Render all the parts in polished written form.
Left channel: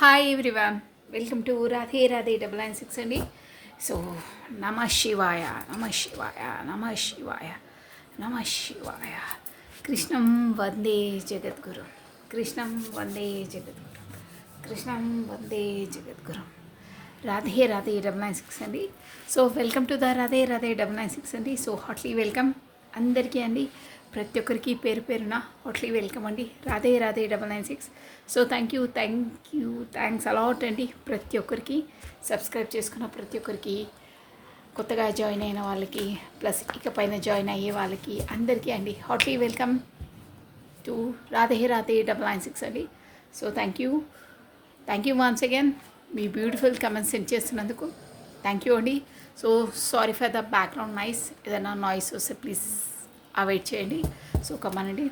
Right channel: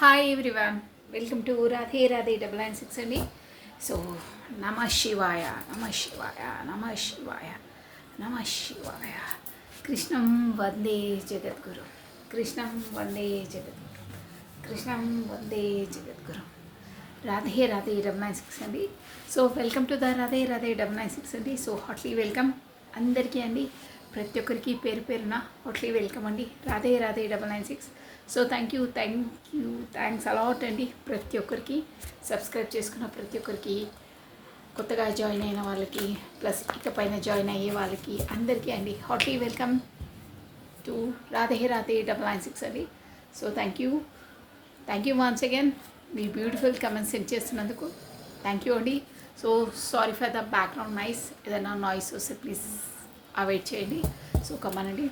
Hi everyone, welcome to Radhe Radhe 996 అండి. So నమ శివాయ, నమ శివాయ, నమ శివాయ, నమ శివాయ. కృష్ణం వందే జగద్గురు, కృష్ణం వందే జగద్గురు, కృష్ణం వందే జగద్గురు. రాధే రాధే 996 అండి. So welcome to the Radhe Radhe 996 అండి. సో హార్ట్లీ వెల్కమ్ అందరికీ అండి, ప్రతి ఒక్కరికి పేరు పేరున హార్ట్లీ వెల్కమ్ అండి. Radhe Radhe 996. So thanks a lot అండి ప్రతి ఒక్కరికి, సబ్స్క్రైబ్ చేసుకున్న ప్రతి ఒక్కరికి, కొత్తగా జాయిన్ అయిన వాళ్ళకి, ప్లస్ ఇకపైన జాయిన్ అయ్యే వాళ్ళకి అందరికీ అండి heartly welcome to Radhe Radhe 996 అండి. So thank you once again, మీ బ్యూటిఫుల్ కమెంట్స్ సెండ్ చేస్తున్నందుకు థ్యాంక్ యూ అండి. So sorry for the background noise, ఏదైనా నాయిస్ వస్తే ప్లీజ్ అవాయిడ్ చేయండి. సో కమానండి.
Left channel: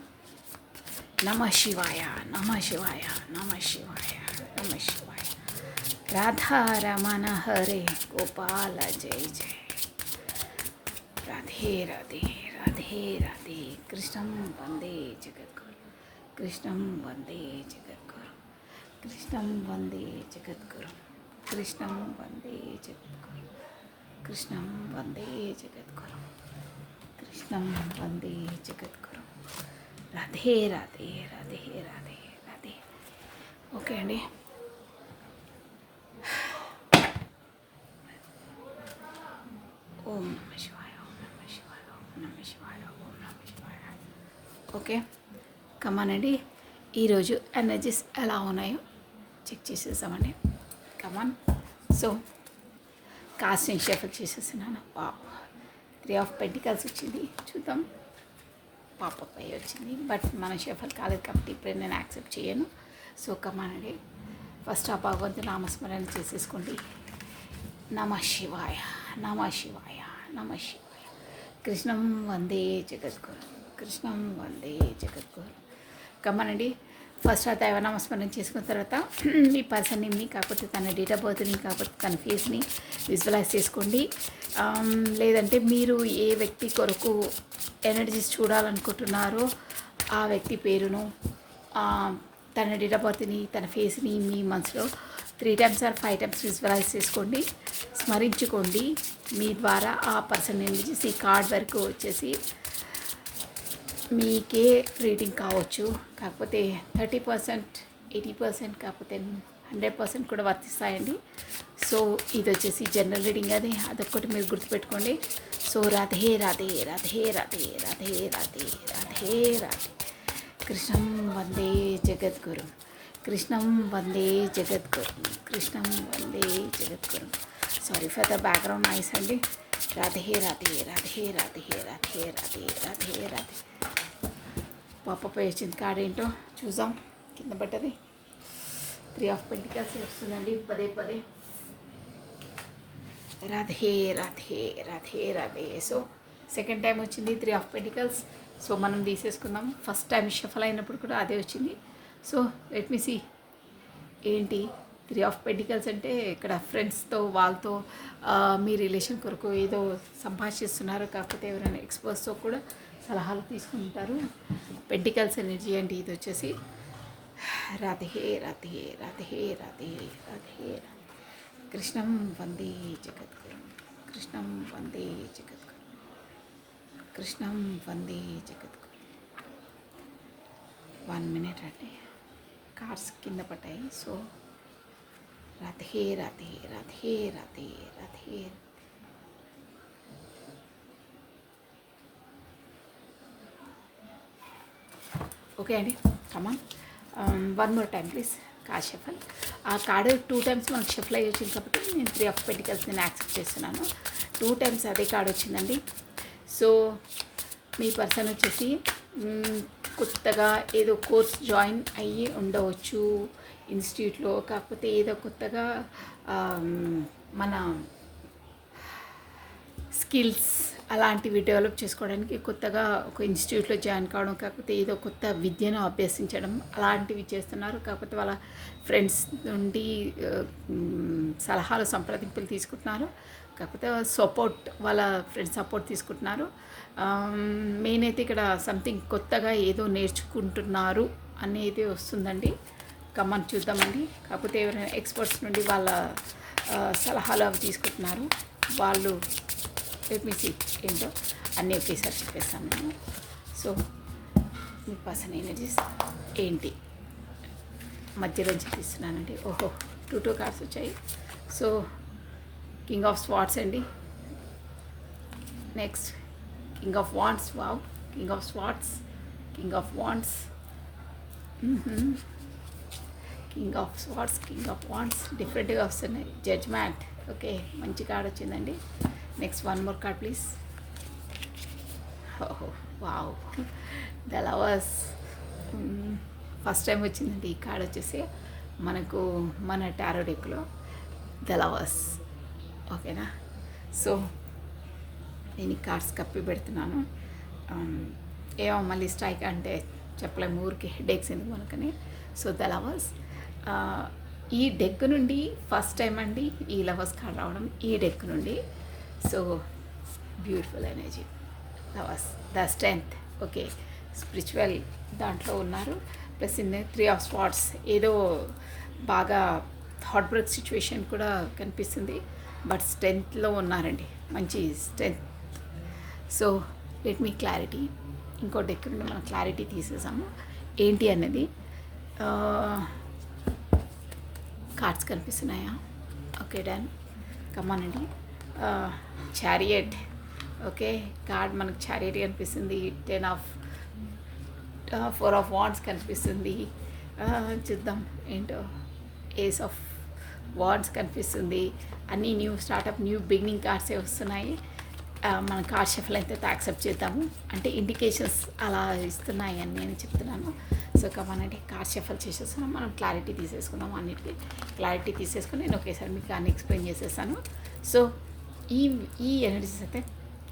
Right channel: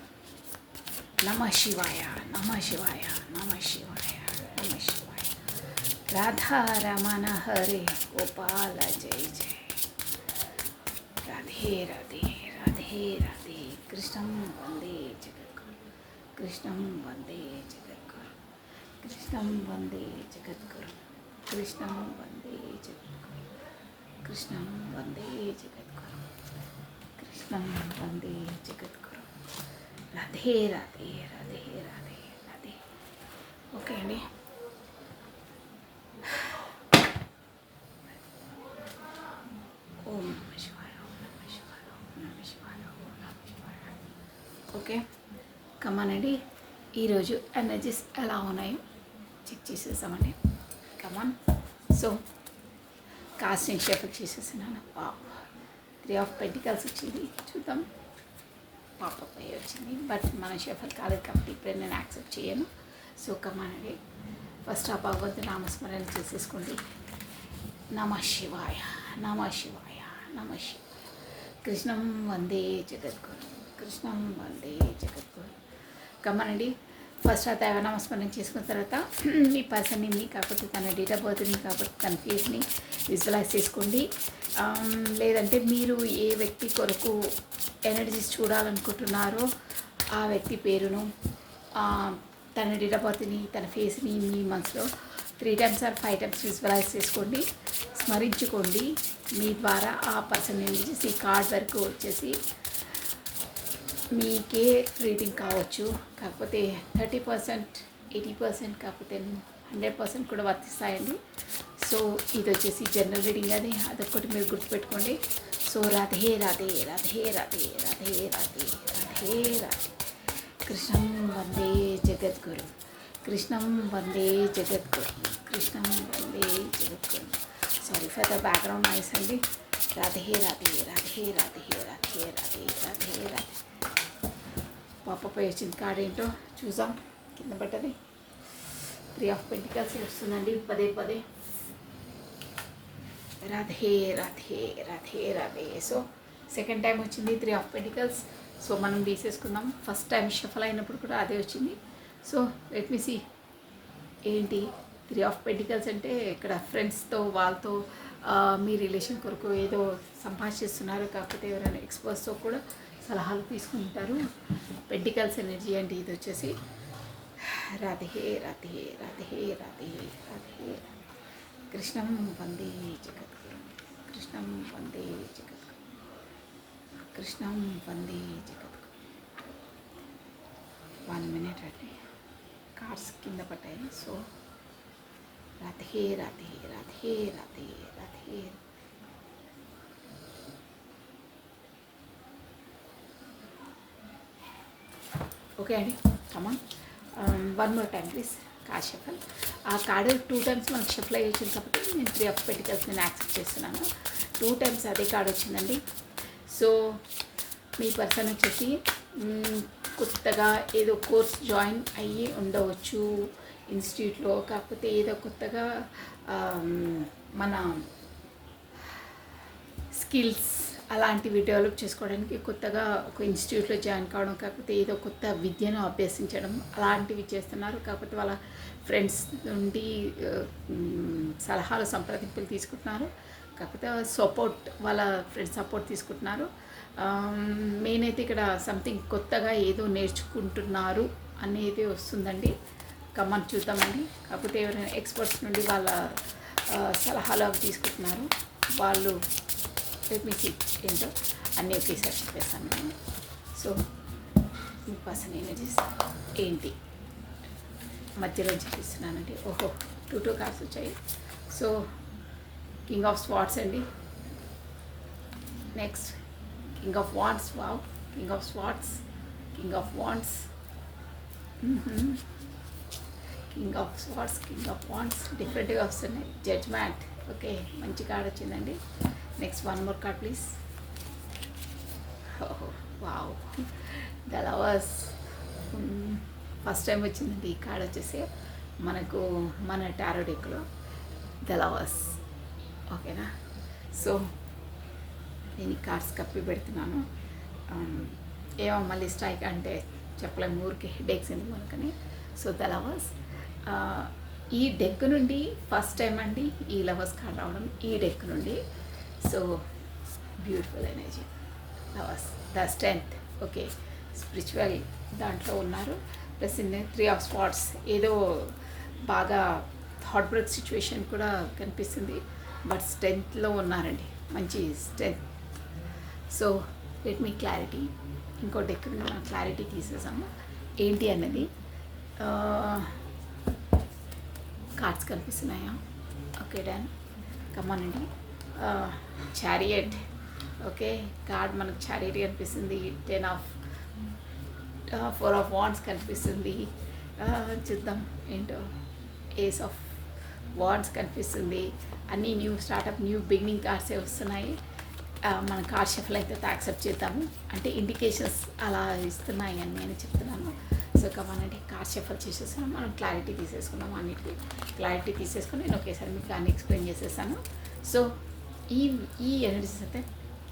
నమ శివాయ, నమ శివాయ, నమ శివాయ, నమ శివాయ. రాధారమణ హరే గోపాల జయ జయ. రాధే రాధే, రాధే రాధే. కృష్ణం వందే జగద్గురు, కృష్ణం వందే జగద్గురు, కృష్ణం వందే జగద్గురు, కృష్ణం వందే జగద్గురు, కృష్ణం వందే జగద్గురు, కృష్ణం వందే జగద్గురు. రాధే రాధే, రాధే రాధే, రాధే. ఓకే అండి. ఓం నమ శివాయ, ఓం నమ శివాయ, ఓం నమ శివాయ, ఓం నమ శివాయ. ఓకే కమానండి. ఈరోజు ఎనర్జీస్ ఎలా ఉన్నాయో చెక్ చేసేసామండి. కమాన్. సో కాస్ట్ నేను షఫల్ చేసేస్తున్నాను. 3 ఆఫ్ పెంటికల్స్ వచ్చింది, చూద్దాం. పాపపై వచ్చింది, బట్ మన షఫల్ కాలేదు కాబట్టి ఇప్పుడే నేను యాక్సెప్ట్ చేయను. సో కమానండి, ఫస్ట్ ఆ భగవంతు నామస్మరణ చేసేసుకోండి. నమ శివాయ, నమ శివాయ, నమ శివాయ. కృష్ణం వందే జగద్గురు, కృష్ణం వందే జగద్గురు. కమానండి. ఫస్ట్ ఆ దైవ నామస్మరణ చేసుకున్న తర్వాత మీ పర్సన్ని, కాకపోతే తన డేట్ ఆఫ్ బర్త్ని, కాకపోతే తన ఫేస్ని విజువలైజ్ చేసుకోండి. లేదంటే మీరు ఏ వ్యక్తి కొరకు ఎనర్జీస్ చూడాలనుకుంటున్నారో ఆ వ్యక్తి పేరును, తన డేట్ ఆఫ్ బర్త్ని, తన ఫేస్ని మీ మనసులో 3 times or 5 times విజువలైజ్ చేసుకోండి, స్మరించుకోండి. మీ ద్వారా ఆ పర్సన్ ఎనర్జీస్ ఈ కార్డ్ వరకు వచ్చేసి మీకే రీడింగ్ కావచ్చు. కాకపోతే 30%, 80%, కాకపోతే 100% కూడా వర్తిస్తాయండి. సో ఇది వచ్చేసి జనరల్ రీడింగ్, అదొక్కటి మీరు గుర్తుపెట్టుకోండి. సో రాధే రాధే, రాధే రాధే, రాధే రాధే, రాధే రాధే. కృష్ణం వందే జగద్గురు, కృష్ణం వందే జగద్గురు, కృష్ణం వందే జగద్గురు. Sorry for the background noise అండి. రాధే రాధే, రాధే రాధే, రాధే రాధే, రాధే రాధే. పాపపై వచ్చింది కార్డ్ ఏంటో చూసాం. కింద పడ్డది 3 ఆఫ్ పెంటికల్స్ వస్తుందండి పదే పదే. Radhe Radhe, Radhe Radhe. So second time వచ్చింది 3 ఆఫ్ పెంటికల్స్. సో మనం తీసేసుకుందాం. ఫస్ట్ టైం షఫల్ అయినప్పుడు కూడా అదే వచ్చింది. సో లెట్ మీ సీ ఏంటి 3 ఆఫ్ పెంటికల్స్ అంటే. ఇక్కడ ఫ్రెండ్స్తో, వాళ్ళతో మీ రిలేషన్ కొరకు ఏదో సంభాషిస్తున్నారు, కాకపోతే ఎవరైనా ఎక్స్పర్ట్స్తో కూడా సలహాలు తీసుకుంటారు. పెంటికల్స్ ఎనర్జీ అంటే ఇది వచ్చేసి రాధే రాధే, రాధే రాధే, రాధే. కృష్ణం వందే జగద్గురు, కృష్ణం వందే జగద్గురు, కృష్ణం వందే జగద్గురు. 1 minute అండి, కార్డ్స్ కింద పడ్డాయి. సో రాధే రాధే, రాధే రాధే, రాధే. ఓకే అండి, కమాన్. 1 more time please. Card shuffle. ఆ కార్డు 2 times మనకు షఫల్ అయ్యి వచ్చింది కాబట్టి నేను 3 ఆఫ్ పెంటికల్స్ నేను యాక్సెప్ట్ చేస్తున్నాను. 2 times అదే కార్డు వచ్చిందండి. సో మీ పర్సన్ వచ్చేసి కొత్తగా ఏదో కోర్స్ జాయిన్ అయ్యి ఉండవచ్చు ఇన్స్టిట్యూట్లో, కాకపోతే ఏదో కొత్తగా మన స్కిల్స్ అలాంటివి డెవలప్ చేసుకోవడానికి కొత్తగా ఒక ఇన్స్టిట్యూట్లో జాయిన్ కావడం, కాకపోతే ఏదో కొత్త విద్యను అభ్యసించడం అలాంటివి చేస్తున్నారు. కాకపోతే వాళ్ళ ఫ్రెండ్స్ నుండి సలహాలు, సంప్రదింపులు తీసుకుంటున్నారు, కాకపోతే సపోర్ట్, వాళ్ళ ఫ్రెండ్స్ సపోర్ట్ తీసుకుంటున్నారు. మెయిన్ అయితే ఇక్కడ సంథింగ్ కొత్తగా ఏదో నేర్చుకుంటున్నారు అనేది వస్తుందండి. కమ్మని చూద్దామండి. కాకపోతే ఎవరైనా ఎక్స్పర్ట్స్ నుండి వాళ్ళ సలహాలు అవి తీసుకుంటున్నారు. వాళ్ళు ఏపీసీ ఏంటో అన్నీ ఒకేసారి చెప్పేస్తాను నేను. సో మీ పర్సన్ ఎనర్జీస్ ఏంటి మధ్యలో చూపిస్తున్నానండి. ఓహో 2 కార్డ్స్ వచ్చాయి. సో కింగ్ ఆఫ్ స్వార్డ్స్ అండి. Next king of wands. Wow, king of swords, king of wands, king of swords, king of wands డిఫరెంట్గా వస్తున్నాయి. జడ్జ్మెంట్. ఓకే, మంచి కార్డ్ వచ్చిందండి. Next 1 more card please. ఓహో wow, the lovers. First time వచ్చిందండి ఈ card వచ్చేసి మనకు మన టారో డెక్లో, ద లవర్స్. ఓకేనా. సో నేను ఈ కార్డ్స్ కప్పి పెడుతున్నాను. ఏమో మళ్ళీ స్ట్రైక్ అంటే చెప్పలేము, ఊరికి హెడేక్స్ ఎందుకు మనకని. So the lovers. ఈ డెక్ నుండి ఫస్ట్ టైం అండి ఈ లవర్స్ కార్డ్ రావడం, ఈ డెక్ నుండి. So beautiful energy lovers, the strength. Okay, spiritual దాంట్లో ఉన్నారు. ప్లస్ ఇన్ 3 of Swords ఏదో బాగా హార్ట్ బ్రేక్ సిచ్యువేషన్ కూడా కనిపిస్తుంది, బట్ స్ట్రెంగ్త్లో ఉన్నారండి, మంచి strength. So let me clarity. ఇంకో డెక్ క్లారిటీ తీసేసాము ఏంటి అన్నది. కార్డ్స్ కనిపిస్తున్నాయా? Okay done. కమ్మానండి. చారియట్. ఓకే, కార్డ్ మనకు చారియట్ కనిపిస్తుంది. 4 of Wands కనిపిస్తుంది. చూద్దాం ఏంటో. ఏస్ ఆఫ్ వాండ్స్ కనిపిస్తుంది. అన్నీ న్యూ స్టార్టప్, న్యూ బిగినింగ్ కార్డ్సే వస్తున్నాయి. మన కార్డ్ షఫల్ అయితే యాక్సెప్ట్ చేద్దాము, అంటే ఇండికేషన్స్ అలా ఇస్తున్నాయి అని నేను చెప్తున్నాను. సో కమానండి, కార్డ్ షఫల్ చేసేస్తున్నాం. మనం క్లారిటీ తీసేసుకున్నాం, అన్నిటికీ క్లారిటీ తీసేసుకుని నేను ఒకేసారి మీకు అన్ని ఎక్స్ప్లెయిన్ చేసేసాను. సో ఈ ఎనర్జీస్ అయితే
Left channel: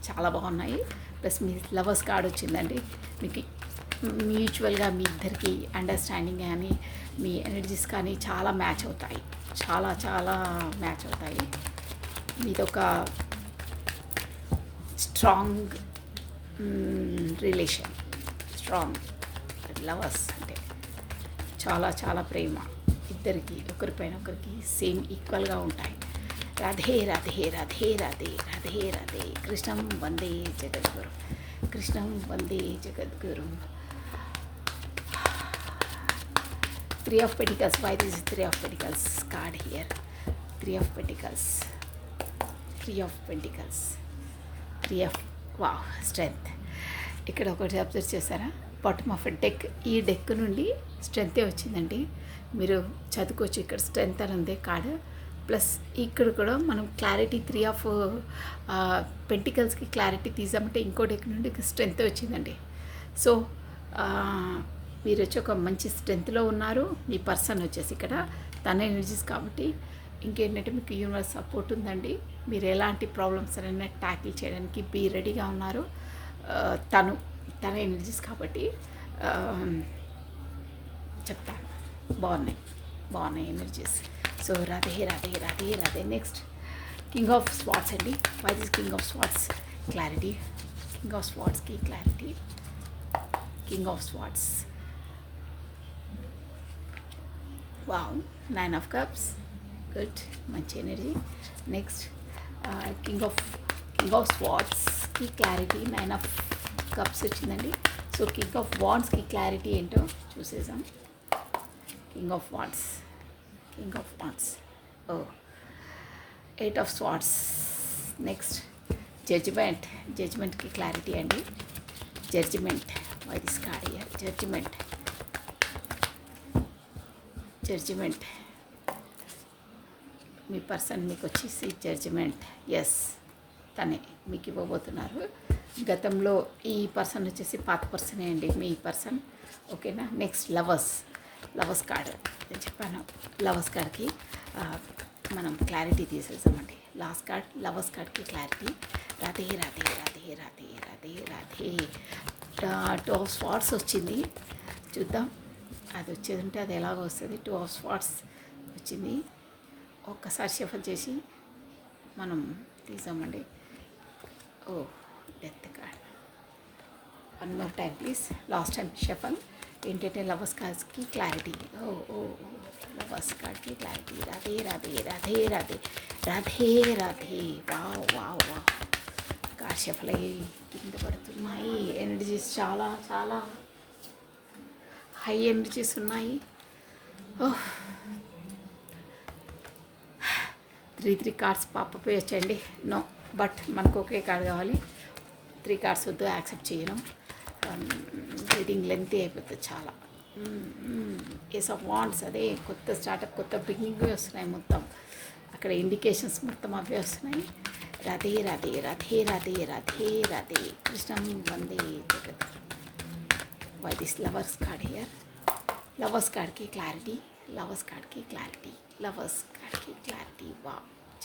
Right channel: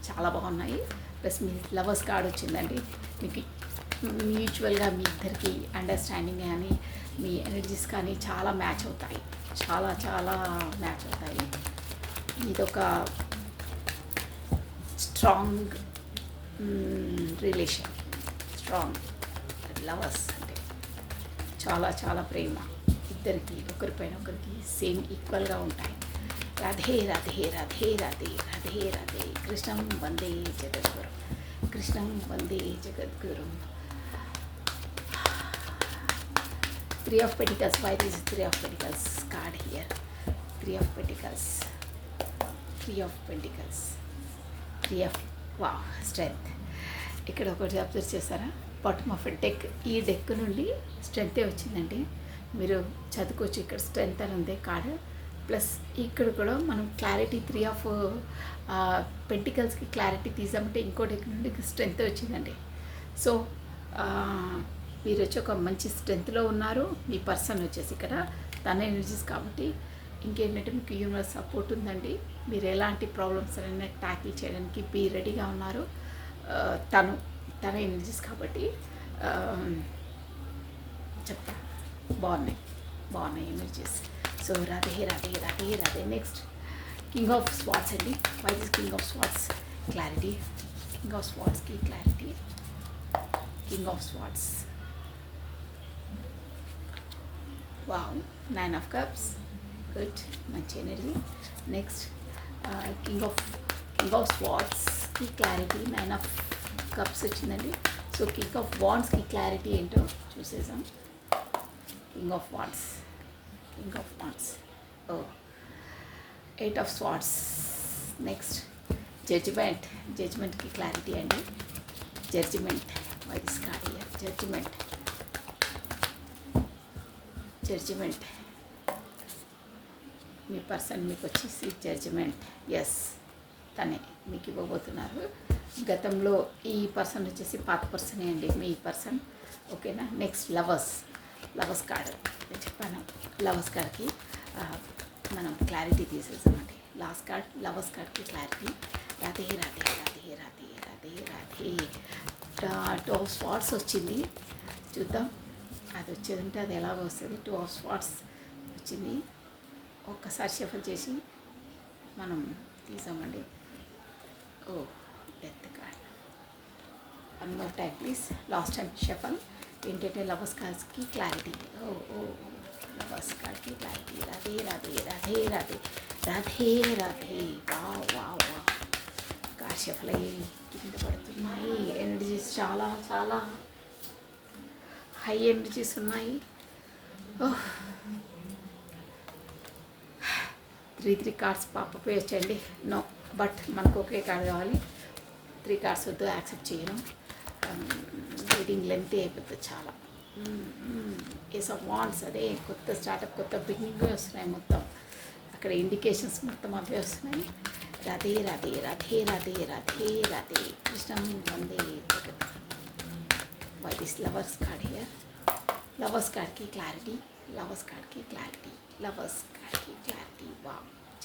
చాలా బాగున్నాయి. ప్లస్ మీ లవర్స్ కార్డ్ వచ్చిందండి. మీకు మ్యూచువల్గా మీ ఇద్దరికి అండర్స్టాండింగ్ కానీ మీ ఎనర్జీస్ కానీ చాలా మ్యాచ్ అవుతాయి, చాలా చాలా మ్యాచ్ అవుతాయి. మీదొక స్ట్రాంగ్ రిలేషన్, స్ట్రాంగ్ లవర్స్ అంటే చాలా చాలా ప్రేమ ఇద్దరికి, ఒకరిపైన ఒకరికి సేమ్ ఈక్వల్గా ఉంటాయి. రాధే రాధే రాధే రాధే రాధే రాధే. కృష్ణం వందే జగద్గురు, కృష్ణం వందే జగద్గురు. 3 of Pentacles. Why this is 3 of Pentacles card here? 3 of Pentacles, 3 of Pentacles, 3 of wow strength. ఇక్కడ ఒకటి అబ్జర్వ్ చేస్తారా? బాటమ్ ఆఫ్ డెక్, ఈ డెక్ నుండి స్ట్రెంగ్తే వచ్చిందండి. మీరు చదువుకోవచ్చు, ఇక్కడ స్ట్రెంగ్త్ అని ఉంది కార్డ్. ప్లస్ ఇక్కడ కూడా మనం క్లారిటీ 3 of పెంటికల్స్కి క్లారిటీ తీసామంటే ఇంకో డెక్ నుండి స్ట్రెంగ్త్ వచ్చిందండి. సో మీరు వచ్చి ఒక మంచి స్ట్రెంగ్త్లో ఉన్నారు. మీ పర్సన్ వచ్చేసి ఇక్కడ తన ఎనర్జీస్ కాబట్టి ఇంకేంటంటే మీకు యూనివర్స్ సపోర్ట్ ఉందండి. మీరు ఎలాంటి ప్రాబ్లమ్స్ అయినా ట్యాకిల్ చేయడానికి బీ రెడీగా ఉన్నారు. తన ఎనర్జీస్ కాబట్టి చెప్తాను, బాగున్నాయి energies. So Radhe Radhe Radhe Radhe. Next king of swords అండి. Why this king of swords? Clarity. King of స్వార్డ్స్కి clarity. King of swords. Wow, 9 of Cups. Good, మంచి ఎనర్జీ. నెక్స్ట్ కింగ్ ఆఫ్ స్వార్డ్స్కి క్లారిటీ. 9 of Cups వచ్చిందండి. సో కింగ్ ఆఫ్ వాండ్స్కి clarity ఏంటో చూసేసాం. King of wands, king of wands. ఓ 8 of Swords. Next జడ్జిమెంట్కి clarity అండి. Judgement. Why this card here? Judgement. Me person మీకు వచ్చేసి జడ్జిమెంట్. ఎస్, తనే మీకు ఇవ్వబోతున్నారు. గతంలో ఈ పర్సన్ వచ్చేసి పాత పర్సనే అండి మీ పర్సన్. ఓకేనా. నెక్స్ట్ లవర్స్ కార్డ్ నేను చెప్పాను. లవర్స్ కార్డ్కి మనం క్లారిటీ తీసేసామండి. లాస్ట్ కార్డ్ లవర్స్ కార్డ్కి clarity. Radhe Radhe Radhe Radhe Radhe Radhe. 2 of Swords వచ్చింది. చూద్దాం అది వచ్చేది ఉంటే అది ఎలాగో వస్తుంది. 2 of Swords వచ్చింది. ఒక్కసారి షఫల్ చేసి మనం తీసామండి. ఓ death card. 1 more time please. Last time shuffle ఏంటంటే లవర్స్ కార్డ్స్కి క్లారిటీ. ఓ लवर्स कार्ड की clarity Radhe Radhe Radhe Radhe Radhe Radhe wow wow wow కాశఫ్లై కింద పడుతున్నాయి ఎనర్జీస్ చాలా చాలా హై ఎనర్జీస్ ఉన్నాయి 3 కార్డ్స్ పాపపై వచ్చండి నో బట్ మనకు ఒకే కార్డ్ కావాలి 3 కార్డ్స్ వద్దు యాక్సెప్ట్ చేయను రీడింగ్ లెంత్ అయిపోతుంది చాలా ఏస్ ఆఫ్ వాండ్స్ అదే కొత్త స్టార్టప్ కొత్త బిగినింగ్ వస్తున్నాయి మొత్తం అక్కడ ఇండికేషన్స్ మొత్తం అవే వస్తున్నాయి రాధే రాధే రాధే రాధే రాధే రాధే కృష్ణం వందే జగత్ why this lovers card here lovers కార్డ్కి క్లారిటీ లవర్స్ కార్డ్కి క్లారిటీ లవర్స్ కార్డ్కి క్లారిటీ వా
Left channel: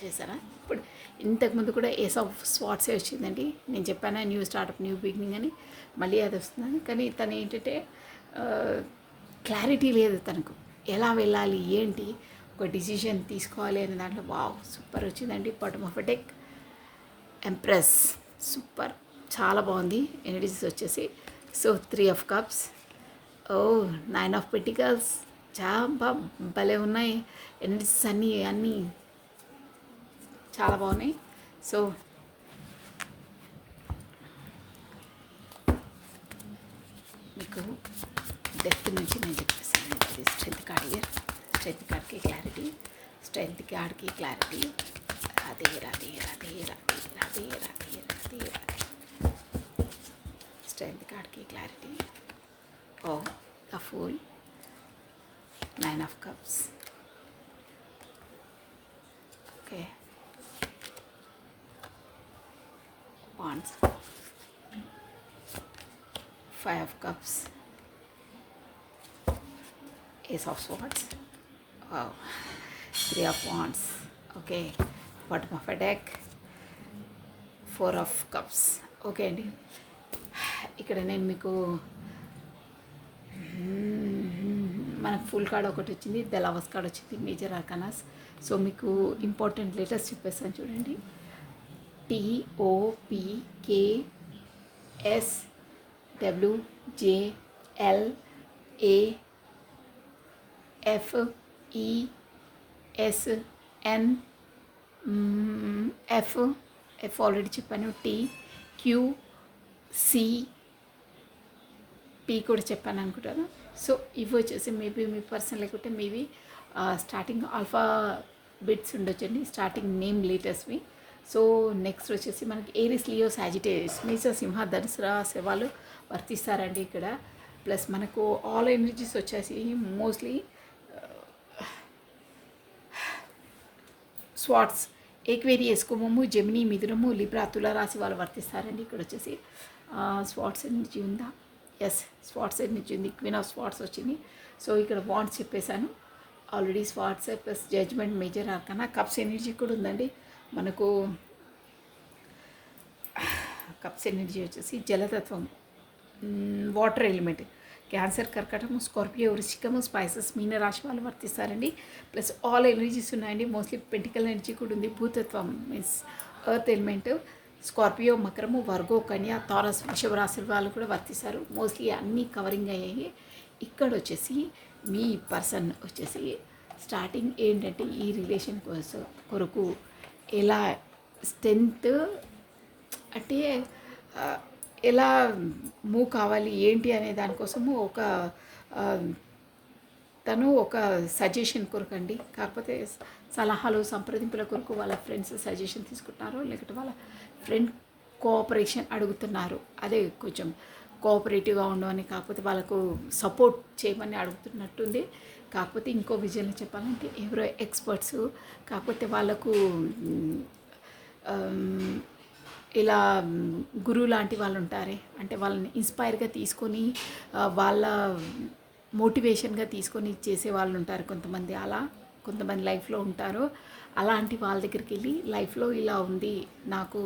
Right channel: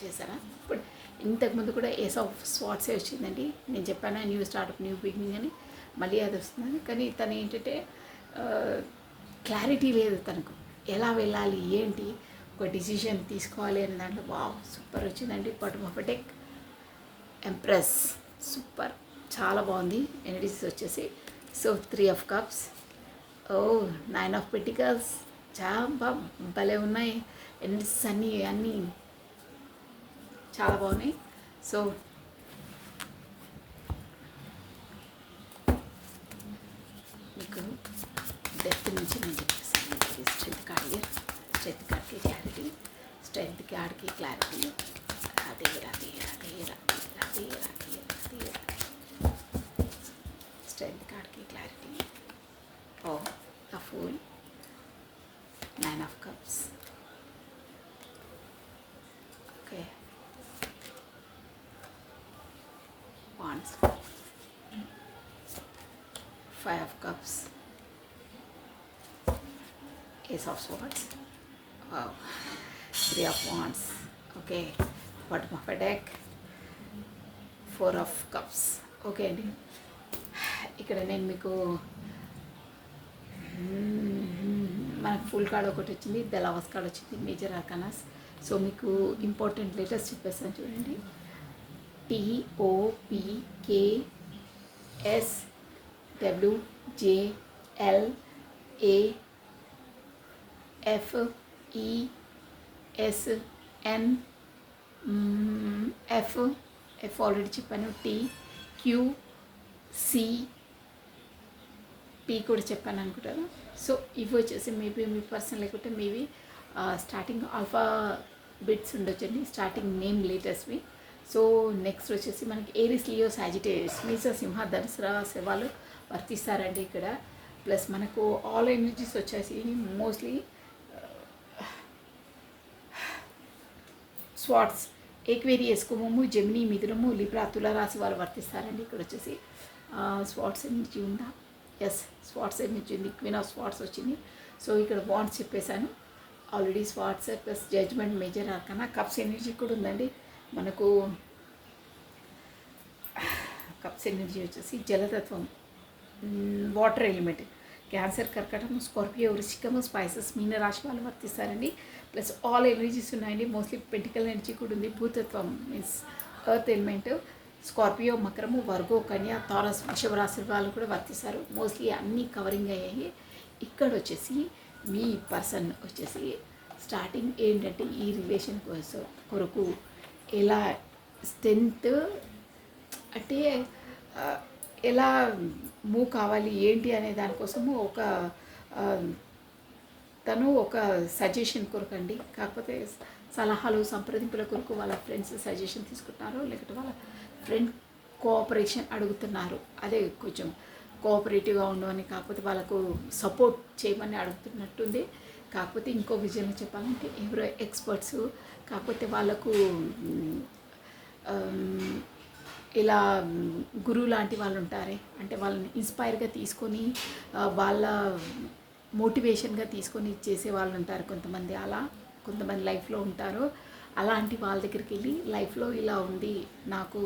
చేశారా ఇప్పుడు ఇంతకుముందు కూడా ఏస్ ఆఫ్ స్వాట్సే వచ్చిందండి నేను చెప్పాను న్యూ స్టార్టప్ న్యూ బిగినింగ్ అని మళ్ళీ అది వస్తుందని కానీ తను ఏంటంటే క్లారిటీ లేదు తనకు ఎలా వెళ్ళాలి ఏంటి ఒక డిసిషన్ తీసుకోవాలి అనే దాంట్లో వావ్ సూపర్ వచ్చిందండి bottom of deck empress super చాలా బాగుంది ఎనర్జీస్ వచ్చేసి so 3 of cups 9 of pentacles చాలా భలే ఉన్నాయి ఎనర్జీస్ అన్నీ చాలా బాగున్నాయి సో మీకు డెప్త్ నుంచి నేను చెప్పేసాను ఇది స్ట్రెంత్ కార్డ్ ఇయర్ స్ట్రెంత్ కార్డ్కి క్లారిటీ స్ట్రెంత్ కార్డ్కి క్లారిటీ రాధే రాధే రాధే రాధే రాధే రాధే రాధే రాధే స్ట్రెంత్ కార్డ్కి క్లారిటీ ఓ the fool 9 of cups okay wands 5 of cups ace of swords wow 3 of wands okay bottom of a deck 4 of cups okay అండి ఇక్కడ నేను మీకు మనకు full card ఒకటి వచ్చింది ద లవర్స్ కార్డ్ వచ్చింది మేజర్ ఆర్కానాస్ సో మీకు ఇంపార్టెంట్ లెటర్స్ చెప్పేస్తాను చూడండి TOPKSWJLAFESN F ఆల్రెడీ చెప్పాను TQCP కూడా చెప్పాను అనుకుంటాను సో ఇవి వచ్చేసి మేబీ మీ పర్సన్ లేకుంటే మేబీ స్టార్టింగ్ ఆల్ఫా బిట్స్ ఉండొచ్చండి స్టార్టింగ్ నేమ్ లెటర్స్వి సో నెక్స్ట్ వచ్చేసి మనకి ఏరిస్ లియో సాజిటేరియస్ మేష సింహ ధనుసు రాశి వాళ్ళు వర్తిస్తారండి ఇక్కడ ప్లస్ మనకు ఆల్ ఎనర్జీస్ వచ్చేసి మోస్ట్లీ స్వాట్స్ ఏక్వేరియస్ కుంభము జెమిని మిథునము లిబ్రా తుల రాశి వాళ్ళు వర్తిస్తారండి ఇక్కడ వచ్చేసి స్వాట్స్ ఎనర్జీ ఉందా ఎస్ స్వాట్స్ ఎనర్జీ ఉంది క్వీన్ ఆఫ్ స్వాట్స్ వచ్చింది సో ఇక్కడ వాండ్స్ చెప్పేశాను already swords plus judgement major arcana cups energy కూడా ఉందండి మనకు కప్స్ ఎనర్జీ వచ్చేసి జలతత్వం వాటర్ ఎలిమెంట్ క్యాన్సర్ కర్కటము స్కార్పియో వృశ్చికము స్పైసెస్ మీన రాశి వాళ్ళు వర్తిస్తారండి ప్లస్ ఆల్ ఎనర్జీస్ ఉన్నాయండి మోస్ట్లీ పెంటికల్ ఎనర్జీ కూడా ఉంది భూతత్వం మీన్స్ ఎర్త్ ఎలిమెంట్ స్కార్పియో మకరము వర్గో కన్య తారస్ వృషభ రాశి వాళ్ళు కూడా వర్తిస్తారు మోస్ట్లీ అన్నీ కవరింగ్ అయ్యాయి ఇక్కడ వచ్చేసి మీ పర్సన్ వచ్చేసి స్టార్టింగ్ ఏంటంటే ఈ రిలేషన్ కొరకు ఎలా స్ట్రెంత్ అంటే ఎలా మూవ్ కావాలి ఏంటి అనే దానికోసము తను ఒక సజెషన్ కొరకండి కాకపోతే సలహాలు సంప్రదింపుల కొరకు వాళ్ళ ఫ్రెండ్స్ సజెషన్ తీసుకుంటున్నారు లేకపోతే వాళ్ళ ఫ్రెండ్ కోఆపరేషన్ అడుగుతున్నారు అదే కొంచెం కోఆపరేటివ్గా ఉండవని కాకపోతే వాళ్ళకు సపోర్ట్ చేయమని అడుగుతున్నట్టుంది కాకపోతే ఇంకో విజయంలో చెప్పాలంటే ఎవరో ఎక్స్పర్ట్స్ కాకపోతే వాళ్ళకు ఇలా గురువు లాంటి వాళ్ళు ఉంటారే అంటే వాళ్ళని ఇన్స్పైర్గా తీసుకొని వాళ్ళ మోటివేషన్గా తీసుకొని చేసే వాళ్ళు ఉంటారు కొంతమంది అలా కొంతమంది లైఫ్లో ఉంటారు అలాంటి వాళ్ళ దగ్గరికి వెళ్ళి లైఫ్లో ఇలా ఉంది నాకు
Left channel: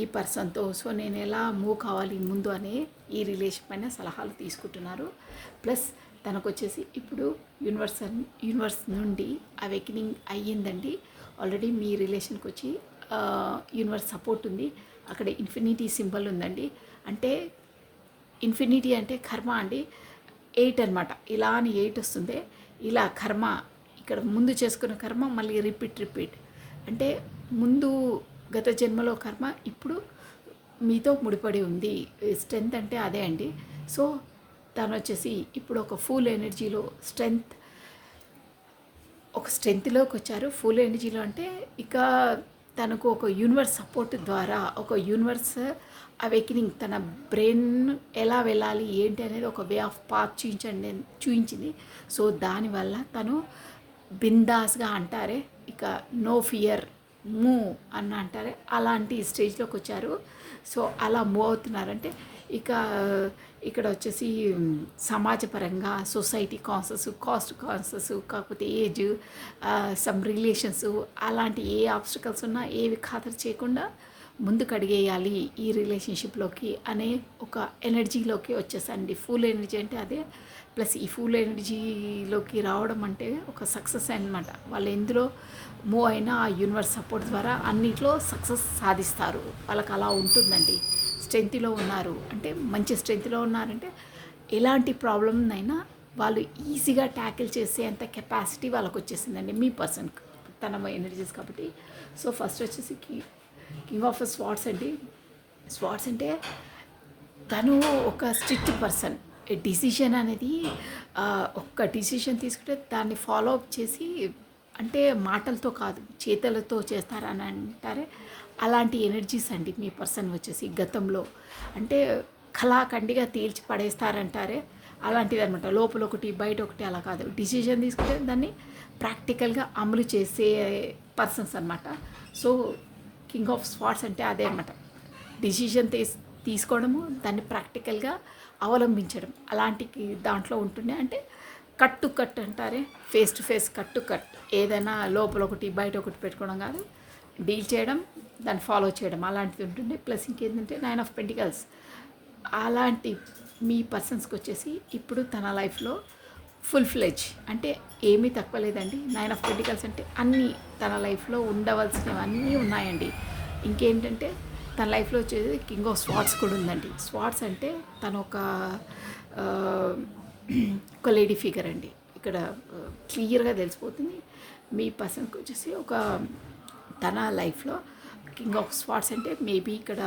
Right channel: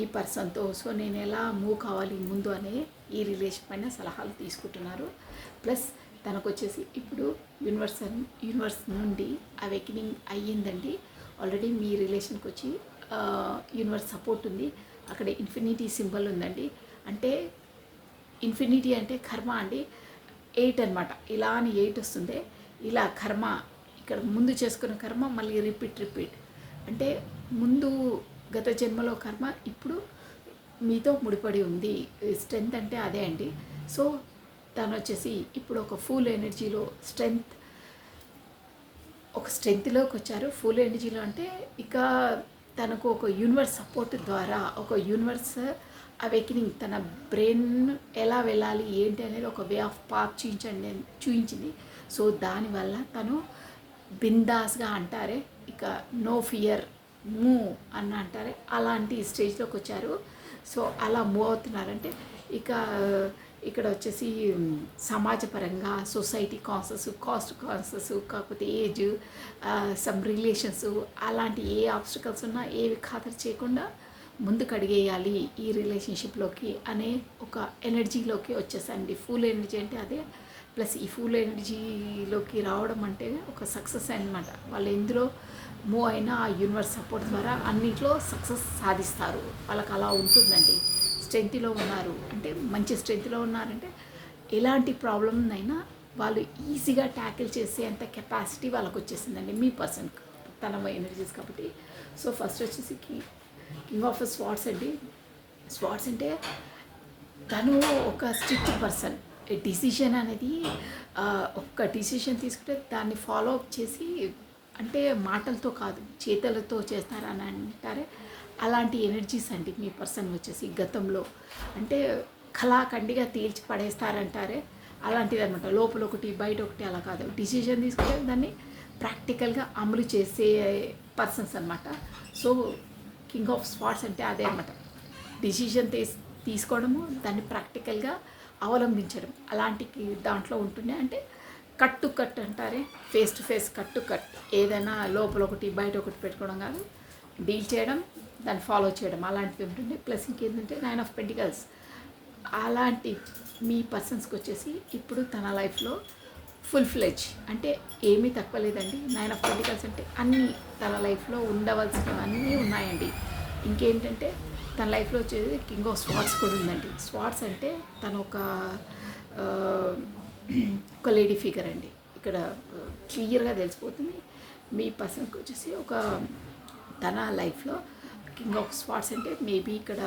ఈ పర్సన్తో సో నేను ఎలా మూవ్ కావాలి ముందు అనే ఈ రిలేషన్ పైన సలహాలు తీసుకుంటున్నారు ప్లస్ తనకు వచ్చేసి ఇప్పుడు యూనివర్స్ నుండి అవేకనింగ్ అయ్యిందండి ఆల్రెడీ మీ రిలేషన్కి వచ్చి యూనివర్స్ సపోర్ట్ ఉంది అక్కడ ఇన్ఫినిటీ సింబల్ ఉందండి అంటే ఇన్ఫినిటీ అంటే కర్మ అండి 8 అనమాట ఇలా అని 8 వస్తుంది ఇలా కర్మ ఇక్కడ ముందు చేసుకున్న కర్మ మళ్ళీ రిపీట్ అంటే ముందు గత జన్మలో కర్మ ఇప్పుడు మీతో ముడిపడి ఉంది. స్ట్రెంగ్త్ అంటే అదే అండి. సో తను వచ్చేసి ఇప్పుడు ఒక ఫుల్ ఎనర్జీలో ఒక స్ట్రెంగ్త్లోకి వచ్చారు. ఫుల్ ఎనర్జీలో అంటే ఇక తనకు ఒక యూనివర్స్ సపోర్ట్ ద్వారా ఒక యూనివర్స్ అవేకినింగ్ తన బ్రెయిన్ ఎలా వెళ్ళాలి ఏంటి అనేది ఒక వే ఆఫ్ పాత్ చూపించింది. సో దానివల్ల తను బిందాస్గా అంటారే, ఇక నో ఫియర్ మూవ్ అని అంటారే, అలాంటి స్టేజ్లోకి వచ్చారు. సో అలా మూవ్ అవుతున్నారంటే ఇక ఇక్కడ వచ్చేసి సమాజపరంగా సొసైటీ కాస్ట్ కాన్సెస్, కాకపోతే ఏజ్, సమ్ రిలేషన్స్, అలాంటి ఏ ఆబ్స్టికల్స్ ఉన్నా ఏవి ఖాతరు చేయకుండా ముందుకు అడిగేయాలి ఈ రిలేషన్షిప్లోకి అనే ఒక ఎనర్జీలోకి వచ్చేసండి. ఫుల్ ఎనర్జీ అంటే అదే. ప్లస్ ఈ ఫుల్ ఎనర్జీలోకి రావడం అంటే ఒక సక్సెస్ అనమాట. వాళ్ళు ఎందులో మూవ్ అయినా ఆ యూనివర్స్ సపోర్ట్ ద్వారా అన్నిట్లో సక్సెస్ సాధిస్తారు. వాళ్ళకి అలా ఉంటుందండి. స్ట్రెంగ్త్లో ఉన్నారు అంటే మంచి స్ట్రెంగ్త్లో ఉన్నారంటే ఎలాంటి ప్రాబ్లమ్నైనా వాళ్ళు ఈజీగా ట్యాకిల్ చేసే అంత కెపాసిటీ వాళ్ళకి వచ్చేసిందండి మీ పర్సన్ తన ఎనర్జీస్ కాబట్టి. సో ఫస్ట్ వచ్చేసి కింగ్ ఆఫ్ స్వార్డ్స్ అండి. స్వార్డ్స్ అంటే తను ఒక స్ట్రిక్ట్ పర్సన్. డిసిషన్ అనేది ఒక్క డిసిషన్ తీసుకుంటే దాన్ని ఫాలో అప్ చేసి, అంటే మాటలతో కాదు చేతలతో చేస్తారని అంటారే, అలాంటి ఎనర్జీస్ అండి మీ పర్సన్ వచ్చేసి. గతంలో అంటే కళాఖండిగా తేల్చి పడేస్తారంటారే, అలాంటిది అనమాట. లోపల ఒకటి బయట ఒకటి అలా కాదు. డిసిషన్ తీసుకుంటే దాన్ని ప్రాక్టికల్గా అమలు చేసే పర్సన్స్ అనమాట. సో కింగ్ ఆఫ్ స్వార్డ్స్ అంటే అదే అనమాట. డిసిషన్ తీసుకోవడము, దాన్ని ప్రాక్టికల్గా అవలంబించడం, అలాంటి దాంట్లో ఉంటుండే. అంటే కట్ అంటారే, ఫేస్ టు ఫేస్ కట్. ఏదైనా లోపల ఒకటి బయట ఒకటి పెట్టుకోవడం కాదు, డీల్ చేయడం, దాన్ని ఫాలో చేయడం, అలాంటిది ఉంటుంది. ప్లస్ ఇంకేంటంటే 9 ఆఫ్ పెంటికల్స్. అలాంటి మీ పర్సన్స్కి వచ్చేసి ఇప్పుడు తన లైఫ్లో ఫుల్ ఫ్లెడ్జ్ అంటే ఏమీ తక్కువ లేదండి. 9 ఆఫ్ పెంటికల్స్ అంటే అన్నీ తన లైఫ్లో ఉండవలసినవి అన్నీ ఉన్నాయండి. ఇంకేంటంటే తన లైఫ్లో వచ్చేది కింగ్ ఆఫ్ స్వార్డ్స్ కూడా ఉందండి. స్వార్డ్స్ అంటే తను ఒక లేడీ ఫిగర్ అండి. ఇక్కడ క్లియర్గా తెలిసిపోతుంది. మీ పర్సన్కి వచ్చేసి ఒక తన లైఫ్లో కింగ్ ఆఫ్ స్వార్డ్స్ అంటే మేబీ ఇక్కడ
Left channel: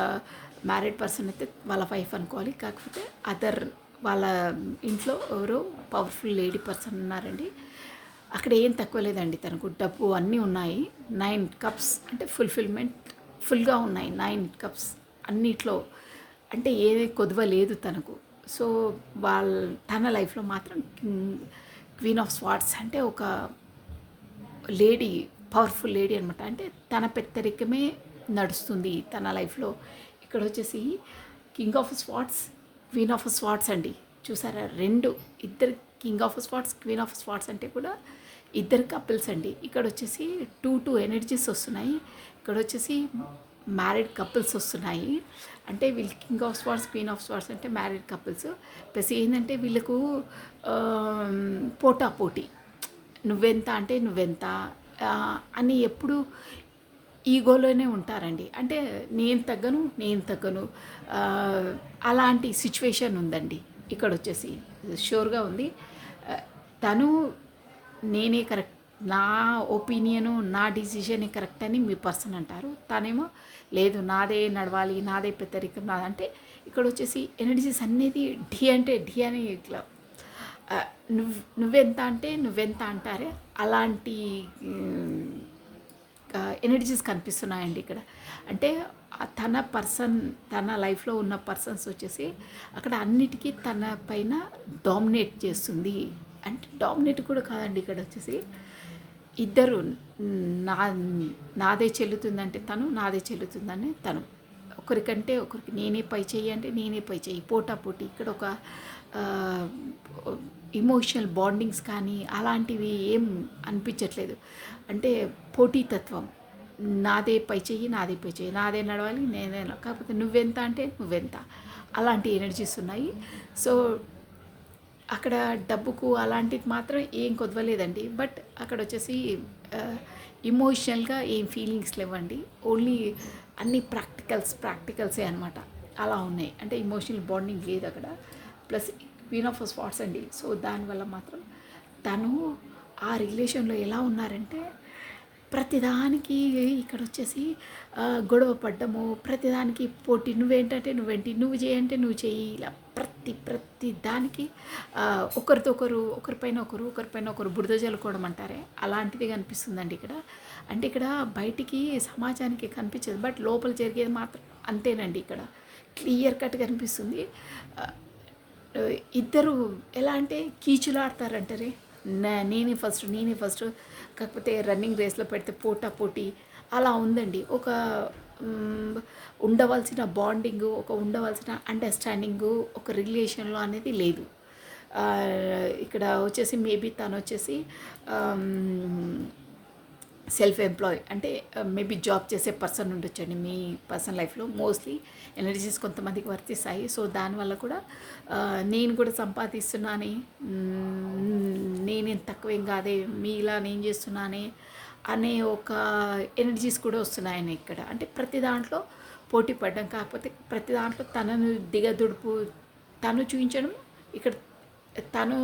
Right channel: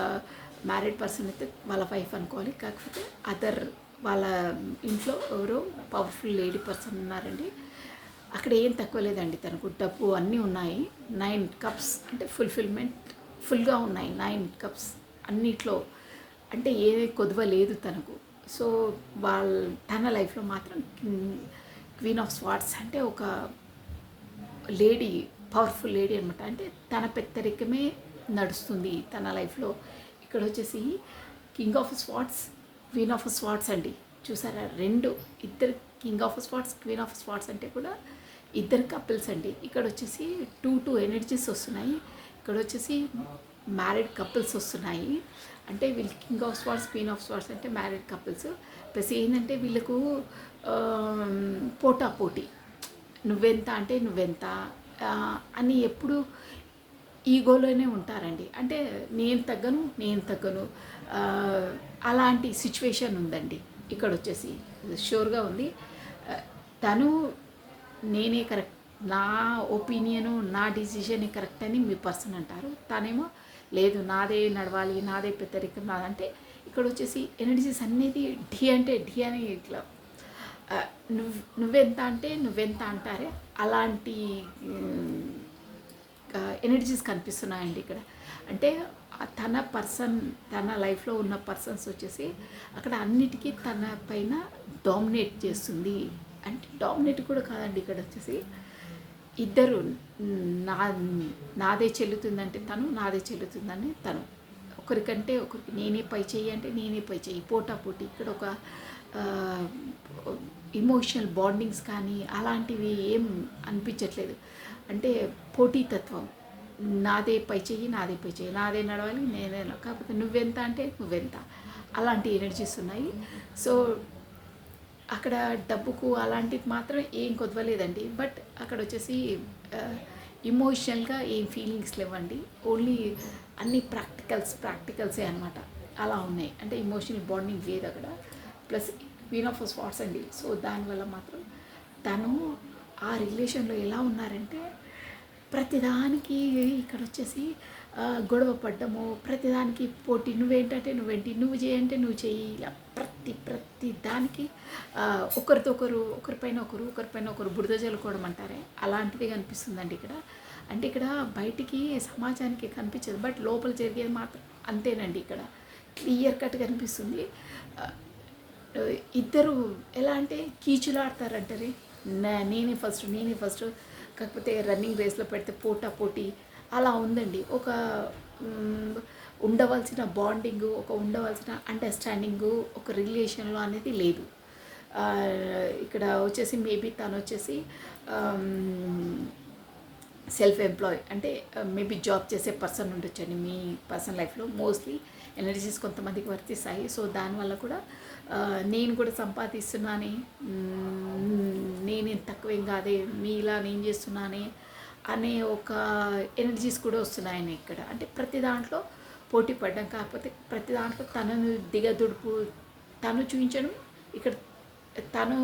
మ్యారీడ్ పర్సన్ అయితే వాళ్ళ వైఫ్ అనుకోవాలి, కాకపోతే అదర్ వాళ్ళ ఇంట్లో ఎవరో పవర్ఫుల్ లేడీ పర్సన్ ఉన్నారండి. అక్కడ ఏం తక్కువ లేదండి. తనకు డబ్బు అన్నీ ఉన్నాయి. 9 కప్స్ అంటే ఫుల్ఫిల్మెంట్ ఫుల్గా ఉన్నాయి. 9 కప్స్ అన్నిట్లో అంటే ఏది కొదువ లేదు తనకు. సో తన లైఫ్లో మాత్రం క్వీన్ ఆఫ్ స్వార్డ్స్ అంటే ఒక లేడీ, పవర్ఫుల్ లేడీ అనమాట. అంటే తన పెత్తరికమే నడుస్తుంది తన లైఫ్లో. ఇక్కడ వచ్చేసి king of swords, queen of swords అండి. చూసారా, ఇద్దరు king of swords, queen of swords అంటే కూడా ఇద్దరు కపుల్స్ అండి. ఇక్కడ వచ్చేసి 2 ఎనర్జీస్ వస్తున్నాయి. ఇక్కడ వచ్చేసి మ్యారీడ్ కపుల్స్ వస్తున్నాయి. అంటే వీళ్ళు king of swords, queen of swords అంటే మ్యారీడ్ కపుల్స్. ప్లస్ ఏంటంటే వీళ్ళకు పోటీ, నువ్వెంత అంటే నువ్వెంత అని ఎప్పుడు ఈగోలోనే ఉంటారండి. అంటే నేను తగ్గను అలాంటి సిచ్యువేషన్ ఉందండి. ఇక్కడ వచ్చేసి షూర్గా ఉంది. తను నేనే కరెక్ట్, నా ఒపీనియను, నా డిసిషనే కరెక్ట్ అని మీ పర్సన్ అంటారు. తనేమో లేదు నాదే నడవాలి, నాదే పెద్దరికం నాదంటే. ఇక్కడ వచ్చేసి ఎనర్జీస్ అనేది ఢీ అని ఇట్లా నువ్వెంత అంటే నువ్వెంత అంటారే, అలాంటి ఎనర్జీస్ కనిపిస్తున్నాయండి ఇక్కడ. అంటే తన లైఫ్లో ఉన్న పర్సన్స్ వచ్చేసి అక్కడ అన్నిటికీ తన పైన డామినేట్ చేస్తుంది. అంటే డామినేట్ కూడా కాదండి, ఇక్కడ వచ్చేసి ఇద్దరు నాదే చెల్లుతుందంటే తను, నాదే చెల్లుతుందని తను. ఒకరికంటే ఒకరికి నేనే పై చెయ్యి అంటే నేనే పై చెయ్యి, పోటీ. ఇక్కడ ఒక ఇమోషనల్ బాండింగ్స్ కానీ అలాంటివి ఏం అనిపించట్లేదు. అంటే పోటీతత్వం, నాదే పై చెయ్యి, నాదే నడవాలి, నేనే. కాకపోతే నువ్వెంత అంటే నువ్వెంత, అలాంటి ఎనర్జీస్ ఉన్నాయి. సో అక్కడ డబ్బుకు అలాంటిది మాత్రం ఏం కొదవలేదండి. బట్ అక్కడ వచ్చేసి ఇమోషనల్గా ఏం ఫీలింగ్స్ లేవండి. ఓన్లీ అన్ని ప్రాక్టికల్సే అనమాట. అలా ఉన్నాయి. అంటే ఇమోషనల్ బాండింగ్ లేదు అక్కడ. ప్లస్ క్వీన్ ఆఫ్ స్వార్డ్స్ అండి. సో దానివల్ల మాత్రం తను ఆ రిలేషన్లో ఎలా ఉన్నారంటే ప్రతిదానికి ఇక్కడ వచ్చేసి గొడవ పడ్డము, ప్రతిదానికి పోటీ, నువ్వేంటంటే నువ్వేంటి, నువ్వు చేయంటే నువ్వు చెయ్యి, ఇలా ప్రతి దానికి ఒకరితో ఒకరు, ఒకరిపైన ఒకరు బురద జల్లుకోవడం అంటారే అలాంటిది కనిపిస్తుందండి ఇక్కడ. అంటే ఇక్కడ బయటికి సమాజానికి కనిపించదు, బట్ లోపల జరిగేది మాత్రం అంతేనండి. ఇక్కడ క్లియర్ కట్ కనిపిస్తుంది. ఇద్దరు ఎలా అంటే కీచులాడతారంటారే, నేనే ఫస్ట్, కాకపోతే రన్నింగ్ రేస్లో పెడితే పోటీ అలా ఉందండి. ఒక ఉండవలసిన బాండింగు, ఒక ఉండవలసిన అండర్స్టాండింగు ఒక రిలేషన్లో అనేది లేదు. ఇక్కడ వచ్చేసి మేబీ తను వచ్చేసి సెల్ఫ్ ఎంప్లాయ్ అంటే మేబీ జాబ్ చేసే పర్సన్ ఉండొచ్చండి మీ పర్సనల్ లైఫ్లో. మోస్ట్లీ ఎనర్జీస్ కొంతమందికి వర్తిస్తాయి. సో దానివల్ల కూడా నేను కూడా సంపాదిస్తున్నానే, నేనేం తక్కువేం కాదే, మీలా నేను చేస్తున్నానే అనే ఒక ఎనర్జీస్ కూడా వస్తున్నాయని ఇక్కడ. అంటే ప్రతి దాంట్లో పోటీ పడ్డం, కాకపోతే ప్రతి దాంట్లో తనను దిగదుడుపు, తను చూపించడం. ఇక్కడ తను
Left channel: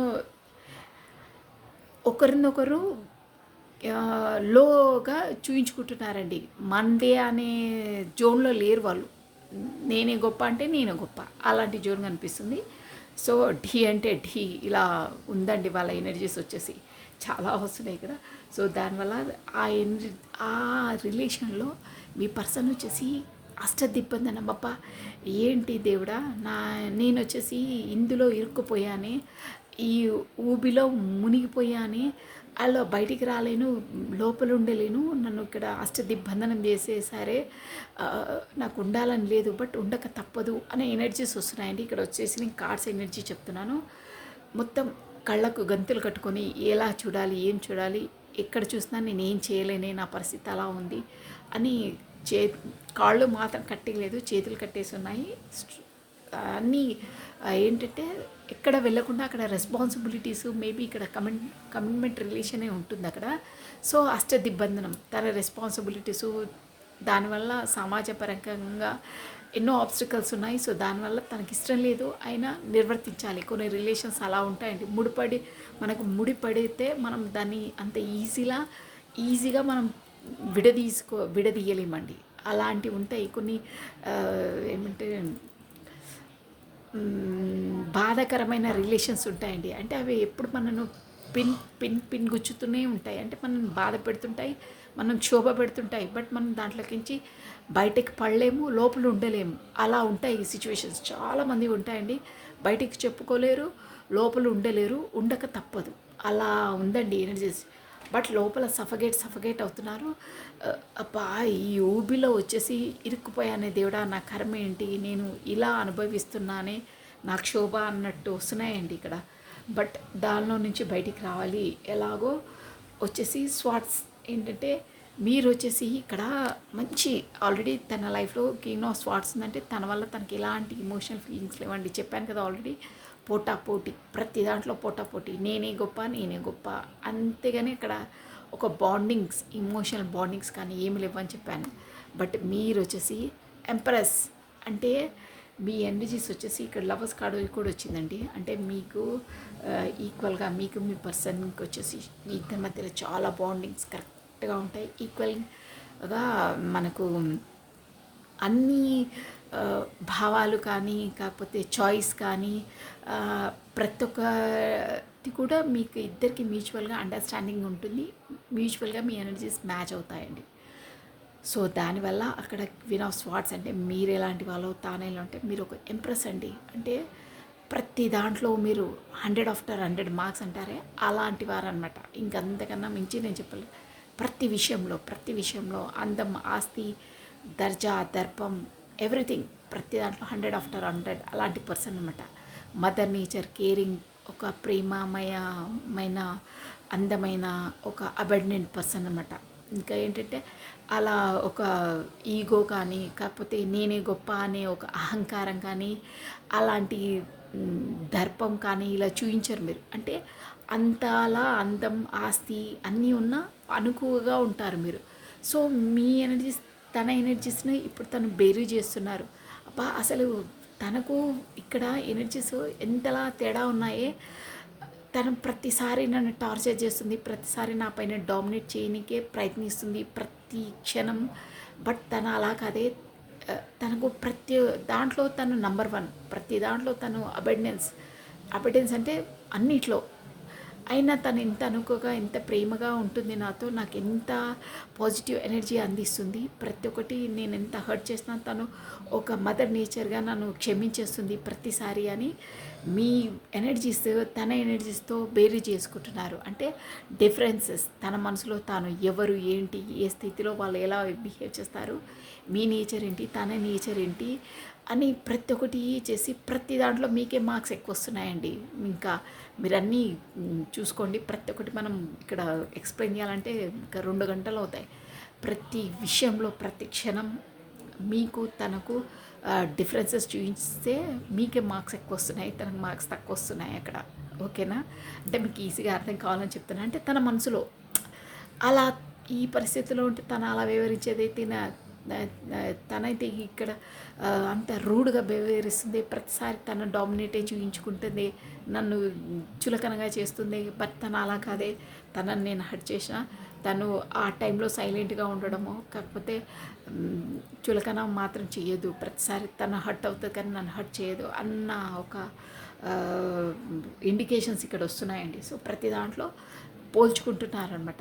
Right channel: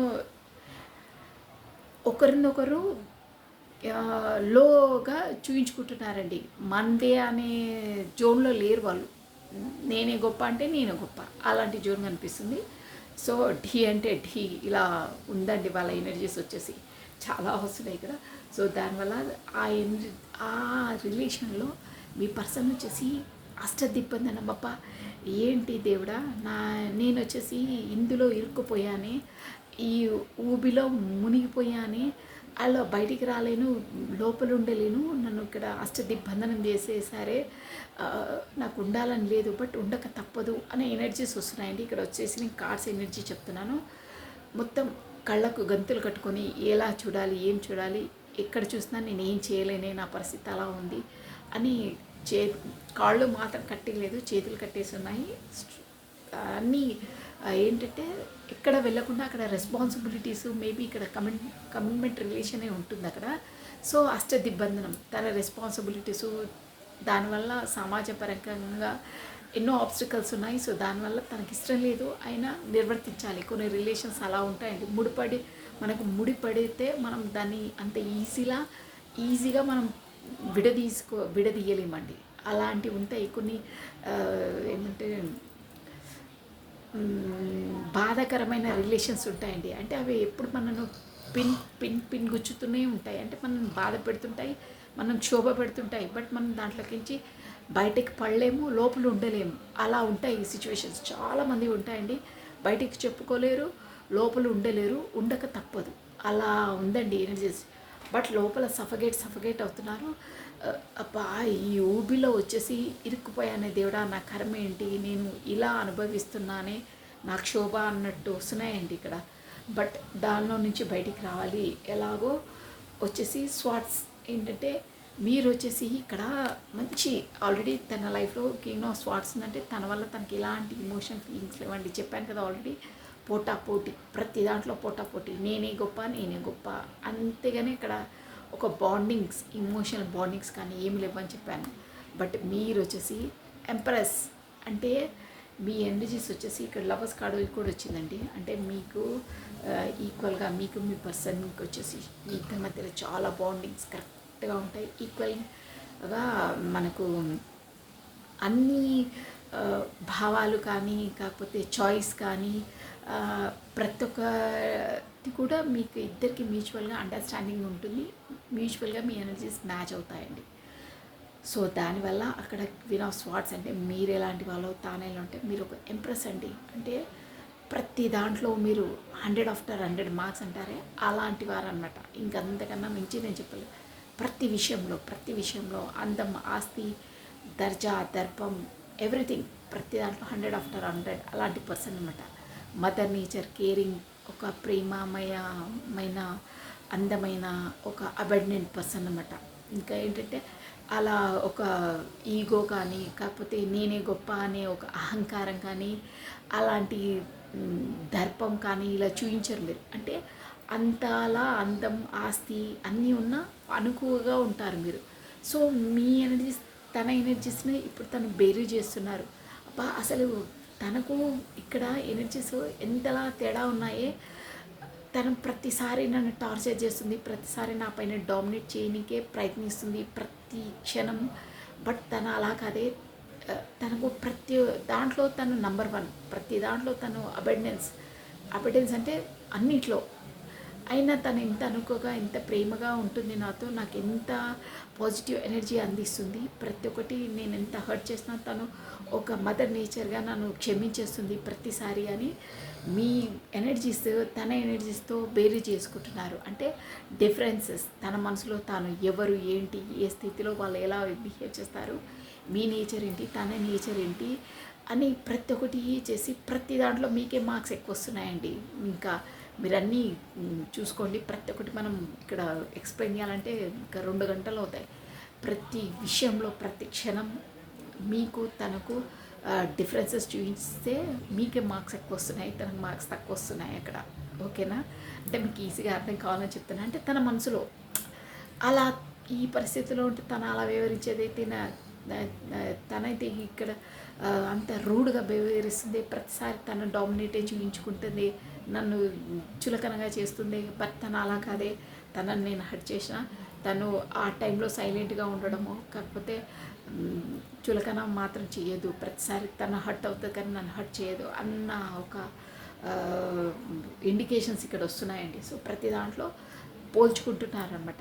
ఒకరినొకరు లోగా చూయించుకుంటున్నారండి. మందే అనే జోన్లో లేరు వాళ్ళు. నేనే గొప్ప అంటే నేనే గొప్ప అలాంటి జోన్ కనిపిస్తుంది. సో ఢీ అంటే ఢీ ఇలా ఉందండి వాళ్ళ ఎనర్జీస్ వచ్చేసి చాలా వస్తున్నాయి ఇక్కడ. సో దానివల్ల ఆ రిలేషన్లో మీ పర్సన్ వచ్చేసి అష్టదిబ్బంది బాప, ఏంటి దేవుడా, నేను వచ్చేసి ఇందులో ఇరుక్కుపోయానే, ఈ ఊబిలో మునిగిపోయానే, అలా బయటికి రాలేను, లోపల ఉండలేను, నన్ను ఇక్కడ అష్టదిబ్బంధనం చేసేసారే, నాకు ఉండాలని లేదు బట్ ఉండక తప్పదు అనే ఎనర్జీస్ వస్తున్నాయండి. ఇక్కడ వచ్చేసి నేను కార్డ్స్ ఎనర్జీ చెప్తున్నాను. మొత్తం కళ్ళకు గంతులు కట్టుకొని ఎలా చూడాలి, ఏం చూడాలి, ఎక్కడ చూసినా నేను ఏం చేయలేనే, నా పరిస్థితి అలా ఉంది అని కాళ్ళు మాత్రం కట్టలేదు, చేతులు కట్టేసి ఉన్నాయి. అన్నీ ఏంటంటే ఎక్కడ వెళ్ళకుండా అక్కడ రెస్పాన్సిబిలిటీస్, మేబీ ఇక్కడ కమిట్మెంట్ రిలేషనే ఉంటుంది అక్కడ. సో అష్టదిబ్బంధనం, తన రెస్పాన్సిబిలిటీసు, దానివల్ల సమాజపరంగా ఎన్నో ఆబ్స్టికల్స్ ఉన్నాయి. సో దానివల్ల తనకి ఇష్టం లేదు, అయినా నిర్వర్తించాలి. కొన్ని రిలేషన్స్ అలా ఉంటాయండి. మనకు ముడిపడితే మనం దాన్ని అంత ఈజీగా మనం విడదీయలేమండి. అలాంటివి ఉంటాయి కొన్ని. ఏమంటే బాధాకరమైన రిలేషన్స్ ఉంటాయండి. అంటే అవి ఎప్పుడు మనను పిన్ గుచ్చుతూనే ఉంటాయి. అంటే మనం బాధ పెడుతుంటాయి, మనం క్షోభ పెడుతుంటాయి, బట్ మనం దాంట్లోకించి బయటకు పడలేము, లోపల ఉండలేము. అలా ఉంటాయి ఈ సిచ్యువేషన్స్. చాలామంది ఉంటాయండి, బయటికి చెప్పుకోలేరు, లోపల ఉండలేరు, ఉండక తప్పదు. అలా ఉందండి ఎనర్జీస్. బట్ లోపల సఫగేట్ అవుతున్నారు. అబ్బా, ఈ ఊబిలో వచ్చేసి ఇరుక్కుపోయానే దేవుడా, నా కర్మ ఏంటి, నేను ఇలా అనుభవిస్తున్నానే, నా క్షోభ అన్నట్టు వస్తున్నాయండి ఇక్కడ. బట్ దానిలో నుంచి బయటికి రావాలి ఎలాగో. వచ్చేసి స్వాట్స్ ఏంటంటే మీరు వచ్చేసి ఇక్కడ మంచి ఆల్రెడీ తన లైఫ్లో కింగ్ ఆఫ్ స్వాట్స్ ఉందంటే తన వల్ల తనకి ఎలాంటి ఇమోషనల్ ఫీలింగ్స్ లేవండి. చెప్పాను కదా ఆల్రెడీ, పోటీ, ప్రతి దాంట్లో పోటీ, నేనే గొప్ప. అంతేగాని ఇక్కడ ఒక బాండింగ్స్, ఇమోషనల్ బాండింగ్స్ కానీ ఏమి లేవని చెప్పాను. బట్ మీరు వచ్చేసి ఎంప్రెస్ అంటే మీ ఎనర్జీస్ వచ్చేసి ఇక్కడ లవర్స్ కార్డు కూడా వచ్చిందండి. అంటే మీకు ఈక్వల్గా, మీకు మీ పర్సన్కి వచ్చేసి మీ ఇద్దరి మధ్యలో చాలా బాండింగ్స్ కరెక్ట్గా ఉంటాయి. ఈక్వల్గా మనకు అన్ని భావాలు కానీ, కాకపోతే చాయిస్ కానీ, ప్రతి ఒక్కటి కూడా మీకు ఇద్దరికి మ్యూచువల్గా అండర్స్టాండింగ్ ఉంటుంది. మ్యూచువల్గా మీ ఎనర్జీస్ మ్యాచ్ అవుతాయండి. సో దానివల్ల అక్కడ క్వీన్ ఆఫ్ స్వార్డ్స్ అంటే మీరు ఎలాంటి వాళ్ళు, తాను ఎలా అంటే మీరు ఒక ఎంప్రెస్ అండి. అంటే ప్రతి దాంట్లో మీరు 100/100 మార్క్స్ అంటారే అలాంటి వారు అనమాట. ఇంకంతకన్నా మించి నేను చెప్పలేదు. ప్రతి విషయంలో అందం, ఆస్తి, దర్జా, దర్పం, ఎవ్రీథింగ్, ప్రతి దాంట్లో 100/100 అలాంటి పర్సన్ అనమాట. మదర్ నేచర్, కేరింగ్, ఒక ప్రేమమయమైన, అందమైన, ఒక అబెండెంట్ పర్సన్ అనమాట. ఇంకా ఏంటంటే అలా ఒక ఈగో కానీ, కాకపోతే నేనే గొప్ప అనే ఒక అహంకారం కానీ, అలాంటి దర్పం కానీ ఇలా చూపించరు మీరు. అంటే అంతలా అందం, ఆస్తి అన్నీ ఉన్న అనుకువగా ఉంటారు మీరు. సో మీ ఎనర్జీస్, తన ఎనర్జీస్ని ఇప్పుడు తను బేరీ చేస్తున్నారు. అబ్బా, అసలు తనకు ఇక్కడ ఎనర్జీస్ ఎంతలా తేడా ఉన్నాయే. తను ప్రతిసారి నన్ను టార్చర్ చేస్తుంది, ప్రతిసారి నా పైన డామినేట్ చేయడానికే ప్రయత్నిస్తుంది ప్రతి క్షణం. బట్ తను అలా కాదే, తనకు ప్రతి దాంట్లో తను నంబర్ వన్, ప్రతి దాంట్లో తను అబెండెన్స్ అంటే అన్నిట్లో. అయినా తను ఎంత అనుకోగా ఎంత ప్రేమగా ఉంటుంది నాతో, నాకు ఎంత పాజిటివ్ ఎనర్జీ అందిస్తుంది. ప్రతి ఒక్కటి నేను ఎంత హర్ట్ చేసినా తను ఒక మదర్ నేచర్గా నన్ను క్షమించేస్తుంది ప్రతిసారి. అని మీ ఎనర్జీస్ తన ఎనర్జీస్తో బేరీ చేసుకుంటున్నారు అంటే డిఫరెన్సెస్. తన మనసులో తాను ఎవరు, ఏంటి, ఏ స్థితిలో వాళ్ళు ఎలా బిహేవ్ చేస్తారు, మీ నేచర్ ఏంటి, తన నేచర్ ఏంటి అని ప్రతి ఒక్కటి చేసి ప్రతి దాంట్లో మీకే మార్క్స్ ఎక్కువ వస్తున్నాయండి. ఇంకా మీరన్నీ చూసుకోండి. ప్రతి ఒక్కటి మనం ఇక్కడ ఎక్స్ప్లెయిన్ చేయాలంటే ఇంకా 2 గంటలు అవుతాయి. ప్రతి విషయంలో ప్రతి క్షణం మీకు తనకు డిఫరెన్సెస్ చూపిస్తే మీకే మార్క్స్ ఎక్కువ వస్తున్నాయి, తనకు మార్క్స్ తక్కువ వస్తున్నాయి అక్కడ. ఓకేనా? అంటే మీకు ఈజీగా అర్థం కావాలని చెప్తున్నా. అంటే తన మనసులో అలా ఈ పరిస్థితిలో ఉంటే తను అలా వివరించేది తనైతే ఇక్కడ అంత రూడ్గా వ్యవహరిస్తుంది. ప్రతిసారి తను డామినేటే చూపించుకుంటుంది, నన్ను చులకనగా చేస్తుంది. బట్ తను అలా కాదే, తనని నేను హర్ట్ చేసిన తను ఆ టైంలో సైలెంట్గా ఉండడము, కాకపోతే చులకన మాత్రం చేయదు. ప్రతిసారి తను హర్ట్ అవుతుంది కానీ నన్ను హర్ట్ చేయదు అన్న ఒక ఇండికేషన్స్ ఇక్కడ వస్తున్నాయండి. సో ప్రతి దాంట్లో పోల్చుకుంటున్నారనమాట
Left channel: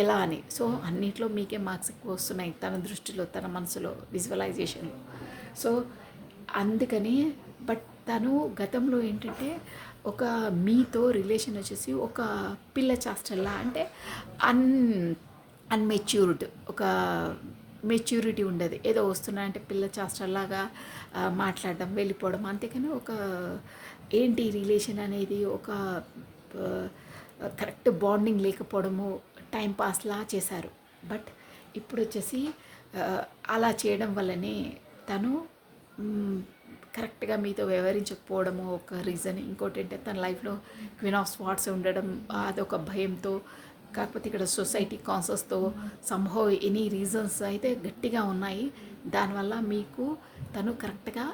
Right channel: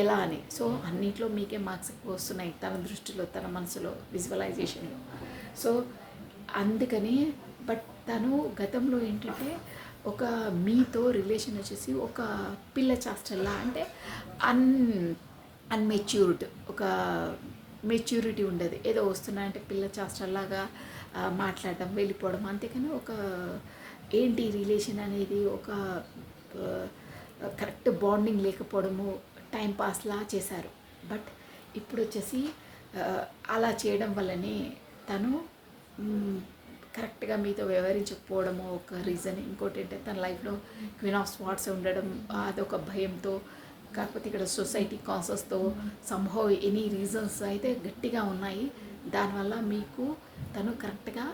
ఎలా అని. సో అన్నిట్లో మీకే మార్క్స్ ఎక్కువ వస్తున్నాయి తన దృష్టిలో, తన మనసులో, విజువలైజేషన్లో. సో అందుకని బట్ తను గతంలో ఏంటంటే ఒక మీతో రిలేషన్ వచ్చేసి ఒక పిల్ల చాస్టల్లా, అంటే అన్మెచ్యూర్డ్, ఒక మెచ్యూరిటీ ఉండదు. ఏదో వస్తున్నా అంటే పిల్ల చాస్టల్లాగా మాట్లాడడం, వెళ్ళిపోవడం. అంతేకాని ఒక ఏంటి రిలేషన్ అనేది ఒక కరెక్ట్ బాండింగ్ లేకపోవడము, టైంపాస్లా చేశారు. బట్ ఇప్పుడు వచ్చేసి అలా చేయడం వల్లనే తను కరెక్ట్గా మీతో వ్యవహరించకపోవడము ఒక రీజన్. ఇంకోటి ఏంటంటే తన లైఫ్లో క్వీన్ ఆఫ్ స్వార్డ్స్ ఉండడం, అదొక భయంతో. కాకపోతే ఇక్కడ సొసైటీ కాన్సెస్తో సంహౌ ఎనీ రీజన్స్ అయితే గట్టిగా ఉన్నాయి. దానివల్ల మీకు తను కరెక్ట్గా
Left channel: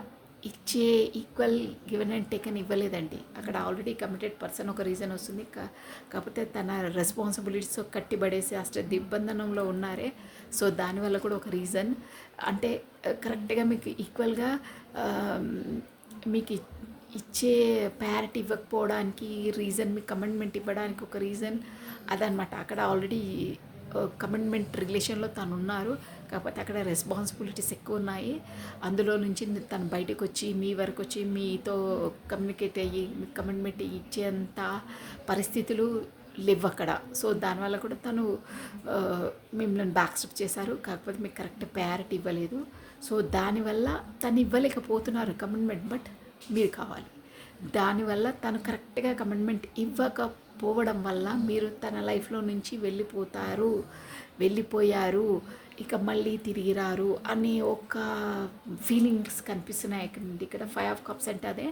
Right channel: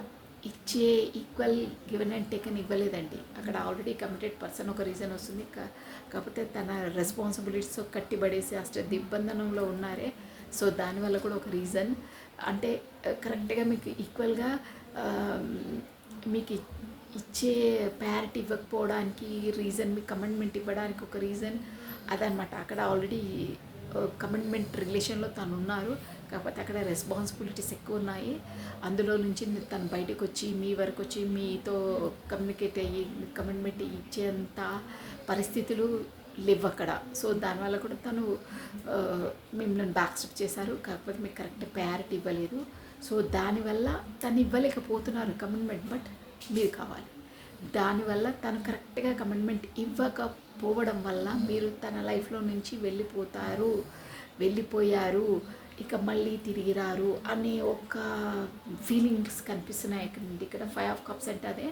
ఇచ్చే ఈక్వల్ గివెన్ అండ్ టేకన్ ఇవ్వలేదండి. అక్కడ ఆల్రెడీ కమిటెడ్ పర్సన్ ఒక రీజన్ వస్తుంది. కాకపోతే తన రెస్పాన్సిబిలిటీస్ కట్టిబడేసి అష్ట దిగ్బంధనంలో ఉన్నారే. సో దానివల్ల కూడా ఒక రీజన్. అంటే కరెక్ట్గా మీకు ఈక్వల్గా మీకు ఇచ్చే ప్యారిటీ ఇవ్వకపోవడానికి రీజన్, మీకు కమిట్మెంట్ ఇవ్వడానికి ఒక రీజన్ అదనమాట. అక్కడ ఆల్రెడీ కమిట్మెంట్ రిలేషన్లో తను ఉన్నారు, కాకపోతే అక్కడ రెస్పాన్సిబిలిటీస్ ఎక్కువ ఉన్నాయి. అందులో నుంచి తను బయటకు వచ్చి మీ వరకు వచ్చి మీతో కమ్యూనికేట్ అయ్యి కమిట్మెంట్ ఇచ్చేంత పరిస్థితులు లేవు అక్కడ. సో దానివల్ల కూడా తను మిమ్మల్ని బ్యాక్ స్టెప్ చేశారు, కాకపోతే మీకు కరెక్ట్ ప్రయారిటీ ఇవ్వలేదు. సో దానివల్ల తను ఇవ్వలేకపోతున్నారు కమిట్మెంట్, బట్ మీరు కావాలి. దానివల్ల తను కరెక్ట్గా కమిట్మెంట్ ఇవ్వకపోవడం వల్ల మీరు తన లైఫ్లో నుంచి వెళ్ళిపోయారు, ఇక మళ్ళీ తిరిగి రారు అనే ఒక ఫీలింగ్స్ కనిపిస్తున్నాయి ఇక్కడ 5 ఆఫ్ కప్స్ అంటే అదే.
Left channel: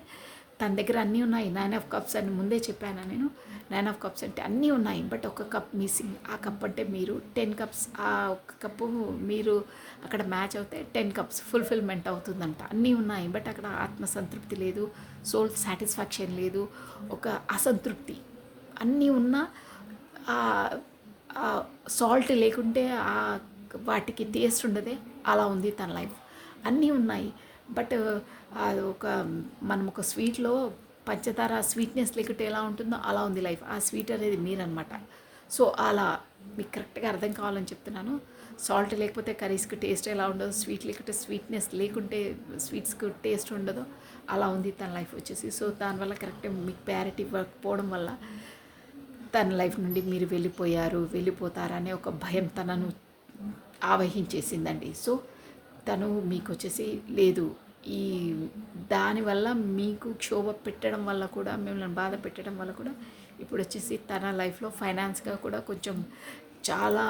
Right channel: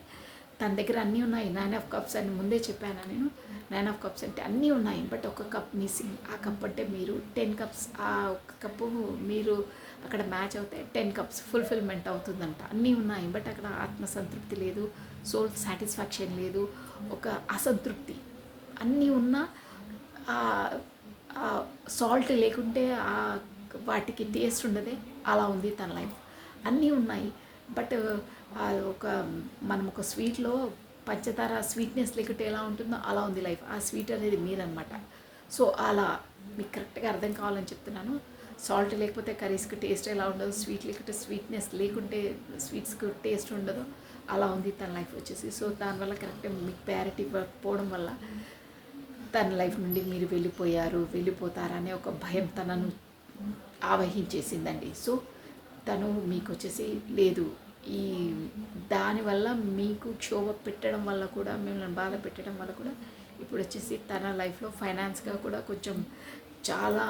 తన దగ్గర అన్నీ ఉన్నాయి. 9 ఆఫ్ కప్స్ అని ముందే చెప్పాను నేను. 9 ఆఫ్ కప్స్ అంటే అన్నీ ఉన్నాయి, బట్ ఒక కప్ మిస్సింగ్. ఆ కప్ అంటే మీరు 10 కప్స్, ఆ ఒక కప్పు మీరు అక్కడ మ్యాచ్ అవుతే 10 కప్స్ ఫుల్ఫిల్మెంట్ అవుతుందంట. అన్నీ ఉన్నాయి, బట్ అక్కడ ఆత్మసంతృప్తి లేదు, సోల్ సాటిస్ఫాక్షన్ లేదు, ఒక అసంతృప్తి. అన్నీ ఉన్నా సాల్ట్ లేకుంటే వాటికి టేస్ట్ ఉండదే, అలా ఉంది తన లైఫ్. అన్నీ ఉన్నాయి, బట్ మనం ఒక స్వీట్లో పంచదార స్వీట్నెస్ లేకుంటే ఎలా ఉంటుందో అలా ఉంది లైఫ్. ఆ స్వీట్ అనేది మీరనమాట. సో అలా మీకు కరెక్ట్గా అర్థం కావాలని చెప్తున్నాను. సాల్ట్ లేకపోతే కర్రీస్కి టేస్ట్ ఎలా ఉండదు, స్వీట్ లేకుంటే స్వీట్నెస్ లేకుంటే స్వీట్స్కి టేస్ట్ ఉండదు, అలా ఉంది తన లైఫ్ వచ్చేసి. సో దానివల్ల కరెక్ట్గా మీకు ప్రయారిటీ ఇవ్వకపోవడం వల్ల తన లైఫ్ నుండి మీరు వెళ్ళిపోతారనే ఒక భయం తనను ఆవహించేసిందండి. సో తను మీకు వచ్చేసి లేదు, ఈ దానివల్ల మీకు క్షోభ పెట్టడం వల్ల కూడా, మిమ్మల్ని బాధ పెట్టడం వల్ల కూడా ఇప్పుడు వచ్చేసి తన లైఫ్లో ఫైనాన్స్గా కూడా కొంచెం చాలా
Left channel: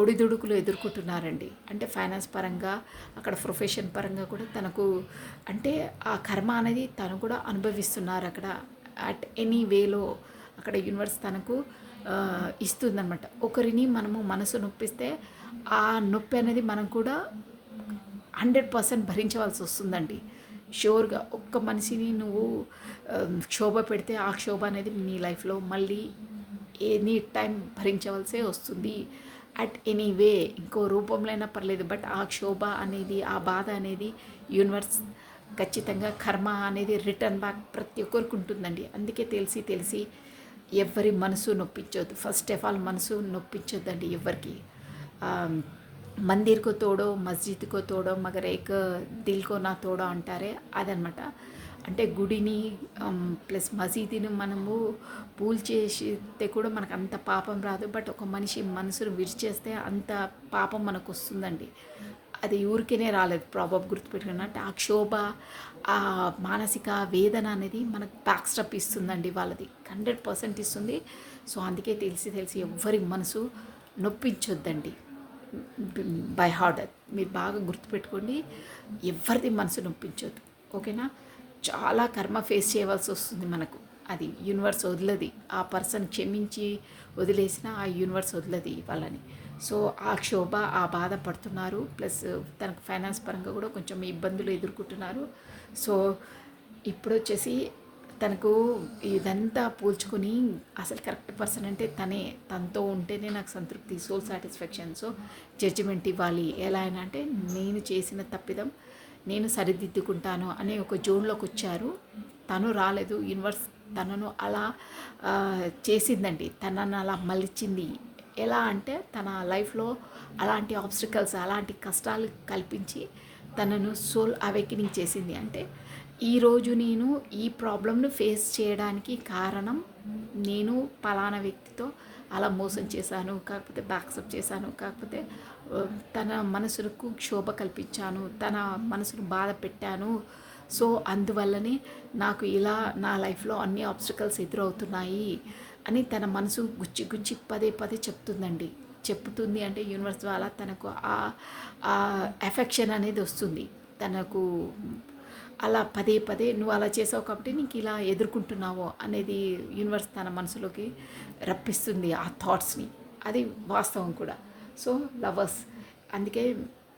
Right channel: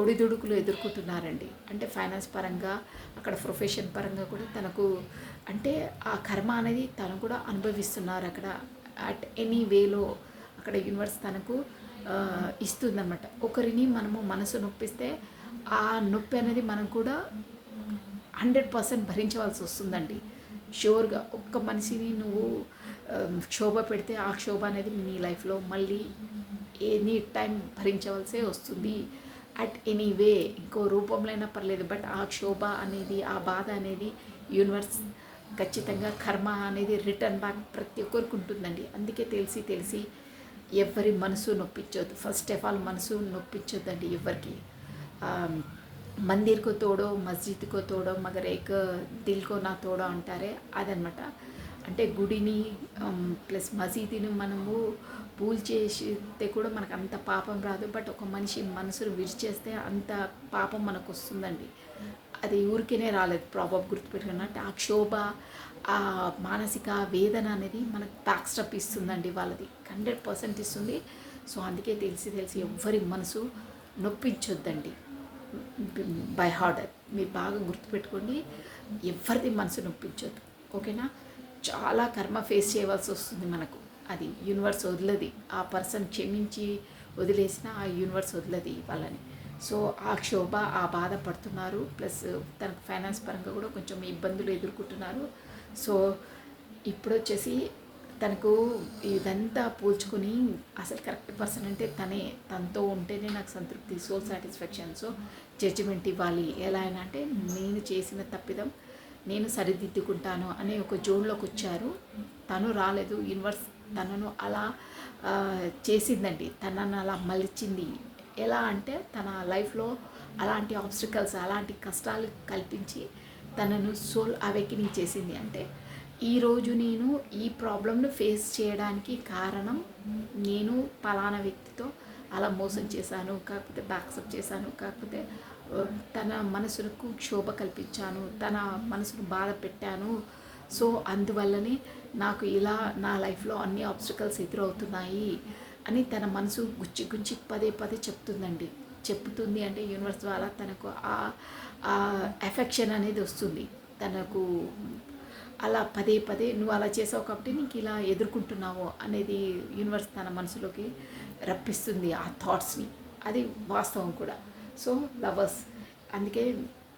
ఒడిదుడుకులు ఎదుర్కొంటున్నారండి. అంటే ఫైనాన్స్ పరంగా, అక్కడ ప్రొఫెషన్ పరంగా కూడా తనకు అంటే ఆ కర్మ అనేది తను కూడా అనుభవిస్తున్నారు అక్కడ. అట్ ఎనీ వేలో అక్కడ యూనివర్స్ తనకు ఇస్తుందన్నమాట. ఒకరిని మనము మనసు నొప్పిస్తే ఆ నొప్పి అనేది మనం కూడా 100% భరించవలసి వస్తుందండి. షూర్గా ఒక్క మనిషిని నువ్వు క్షోభ పెడితే ఆ క్షోభ అనేది మీ లైఫ్లో మళ్ళీ ఎనీ టైం భరించవలసే వస్తుంది. అట్ ఎనీ వే ఇంకో రూపంలో అయినా పర్లేదు, బట్ ఆ క్షోభ అనేది, ఆ బాధ అనేది యూనివర్స్ ఖచ్చితంగా కర్మ అనేది రిటర్న్ బ్యాక్ ప్రతి ఒక్కరికి ఉంటుందండి. అందుకే తెలిసి తెలిసి ఎవరి మనసు నొప్పించొద్దు. ఫస్ట్ ఆఫ్ ఆల్ మనసు నొప్పించొద్దండి ఎవరికి. మందిర్ కో తోడో మస్జిద్ కో తోడో మగర్ ఏక్ దిల్ కో నా తోడో అంటారే అదనమాట. అంటే గుడిని ప్లస్ మసీదుని మనము పూల్ చేస్తే కూడా మనకు అంత పాపం రాదు, బట్ ఒక మనిషి మనసును విరిచేస్తే అంత పాపం మనకు వస్తుందండి. అది ఊరికేనే రాలేదు, ప్రాబబ్ గుర్తుపెట్టుకున్నట్టు ఆ క్షోభ, ఆ మానసిక వేదన అనేది మనకు బ్యాక్ స్టెప్ ఇస్తుందండి. వాళ్ళది 100% ఇస్తుంది. సో అందుకే తెలిసి తెలిసి ఎవ్వరి మనసు నొప్పించొద్దండి బై హార్ట్. మీరు బాగా గుర్తుపెట్టుకోండి, ఎవరిది మనసు నొప్పించొద్దు, ఓకేనా. చాలా కర్మ ఫేస్ చేయవలసి వస్తుంది మనకు, అది యూనివర్స్ వదలది. ఆ పర్సన్ క్షమించి వదిలేసిన ఆ యూనివర్స్ వదలది వాళ్ళని. సో ఆ క్షోభ, ఆ బాధ పడుతున్నారు, ప్లస్ తనకు ఫైనాన్స్ పరంగా కూడా కొంచెం ఇబ్బందులు ఎదుర్కొంటున్నారు. సో ఇప్పుడు వచ్చేసి తనకు ఇదంతా పోల్చుకొని అసలు కరెక్ట్ పర్సన్ అంటే తనతో ఉంటేనే నాకు సంతృప్తి, సోల్ సాటిస్ఫాక్షన్. సో జడ్జిమెంట్ ఇవ్వాలి. ఎలా అయినా అంటే నేను చేసిన తప్పిదం నేను సరిదిద్దుకుంటాను అనే ఒక జోన్లోకి వచ్చారు. తను రాలేదు, యూనివర్స్ తనను అలా చేసిందండి, తనను అలా మలిచింది. ఎలా అంటే తన లైఫ్లో అలాంటి ఆబ్స్టికల్స్, అలాంటి కష్టాలు కల్పించి తనను సోల్ అవేకినింగ్ చేసింది. అంటే ఈరోజు నేను ఈ ప్రాబ్లమ్ను ఫేస్ చేయడానికి కారణం నేను పలానా వ్యక్తితో అలా మోసం చేశాను, కాకపోతే బ్యాక్సప్ చేశాను, కాకపోతే తన మనసుకు క్షోభ కల్పించాను, తన మనసును బాధ పెట్టాను. సో అందువల్లనే నాకు ఇలా నా లైఫ్లో అన్ని ఆబ్స్టికల్స్ ఎదురవుతున్నాయి అని తన మనసు గుచ్చి గుచ్చి పదే పదే చెప్తుంది. అంటే యూనివర్స్ ద్వారా తనకు ఆ ఎఫెక్షన్ అనేది వస్తుంది. తనకు అలా పదే పదే నువ్వు అలా చేసావు కాబట్టి నీకు ఇలా ఎదుర్కొంటున్నావు అనేది యూనివర్స్ తన మనసులోకి రప్పిస్తుంది ఆ థాట్స్ని. అది వాస్తవం కూడా. సో లవర్స్ అందుకే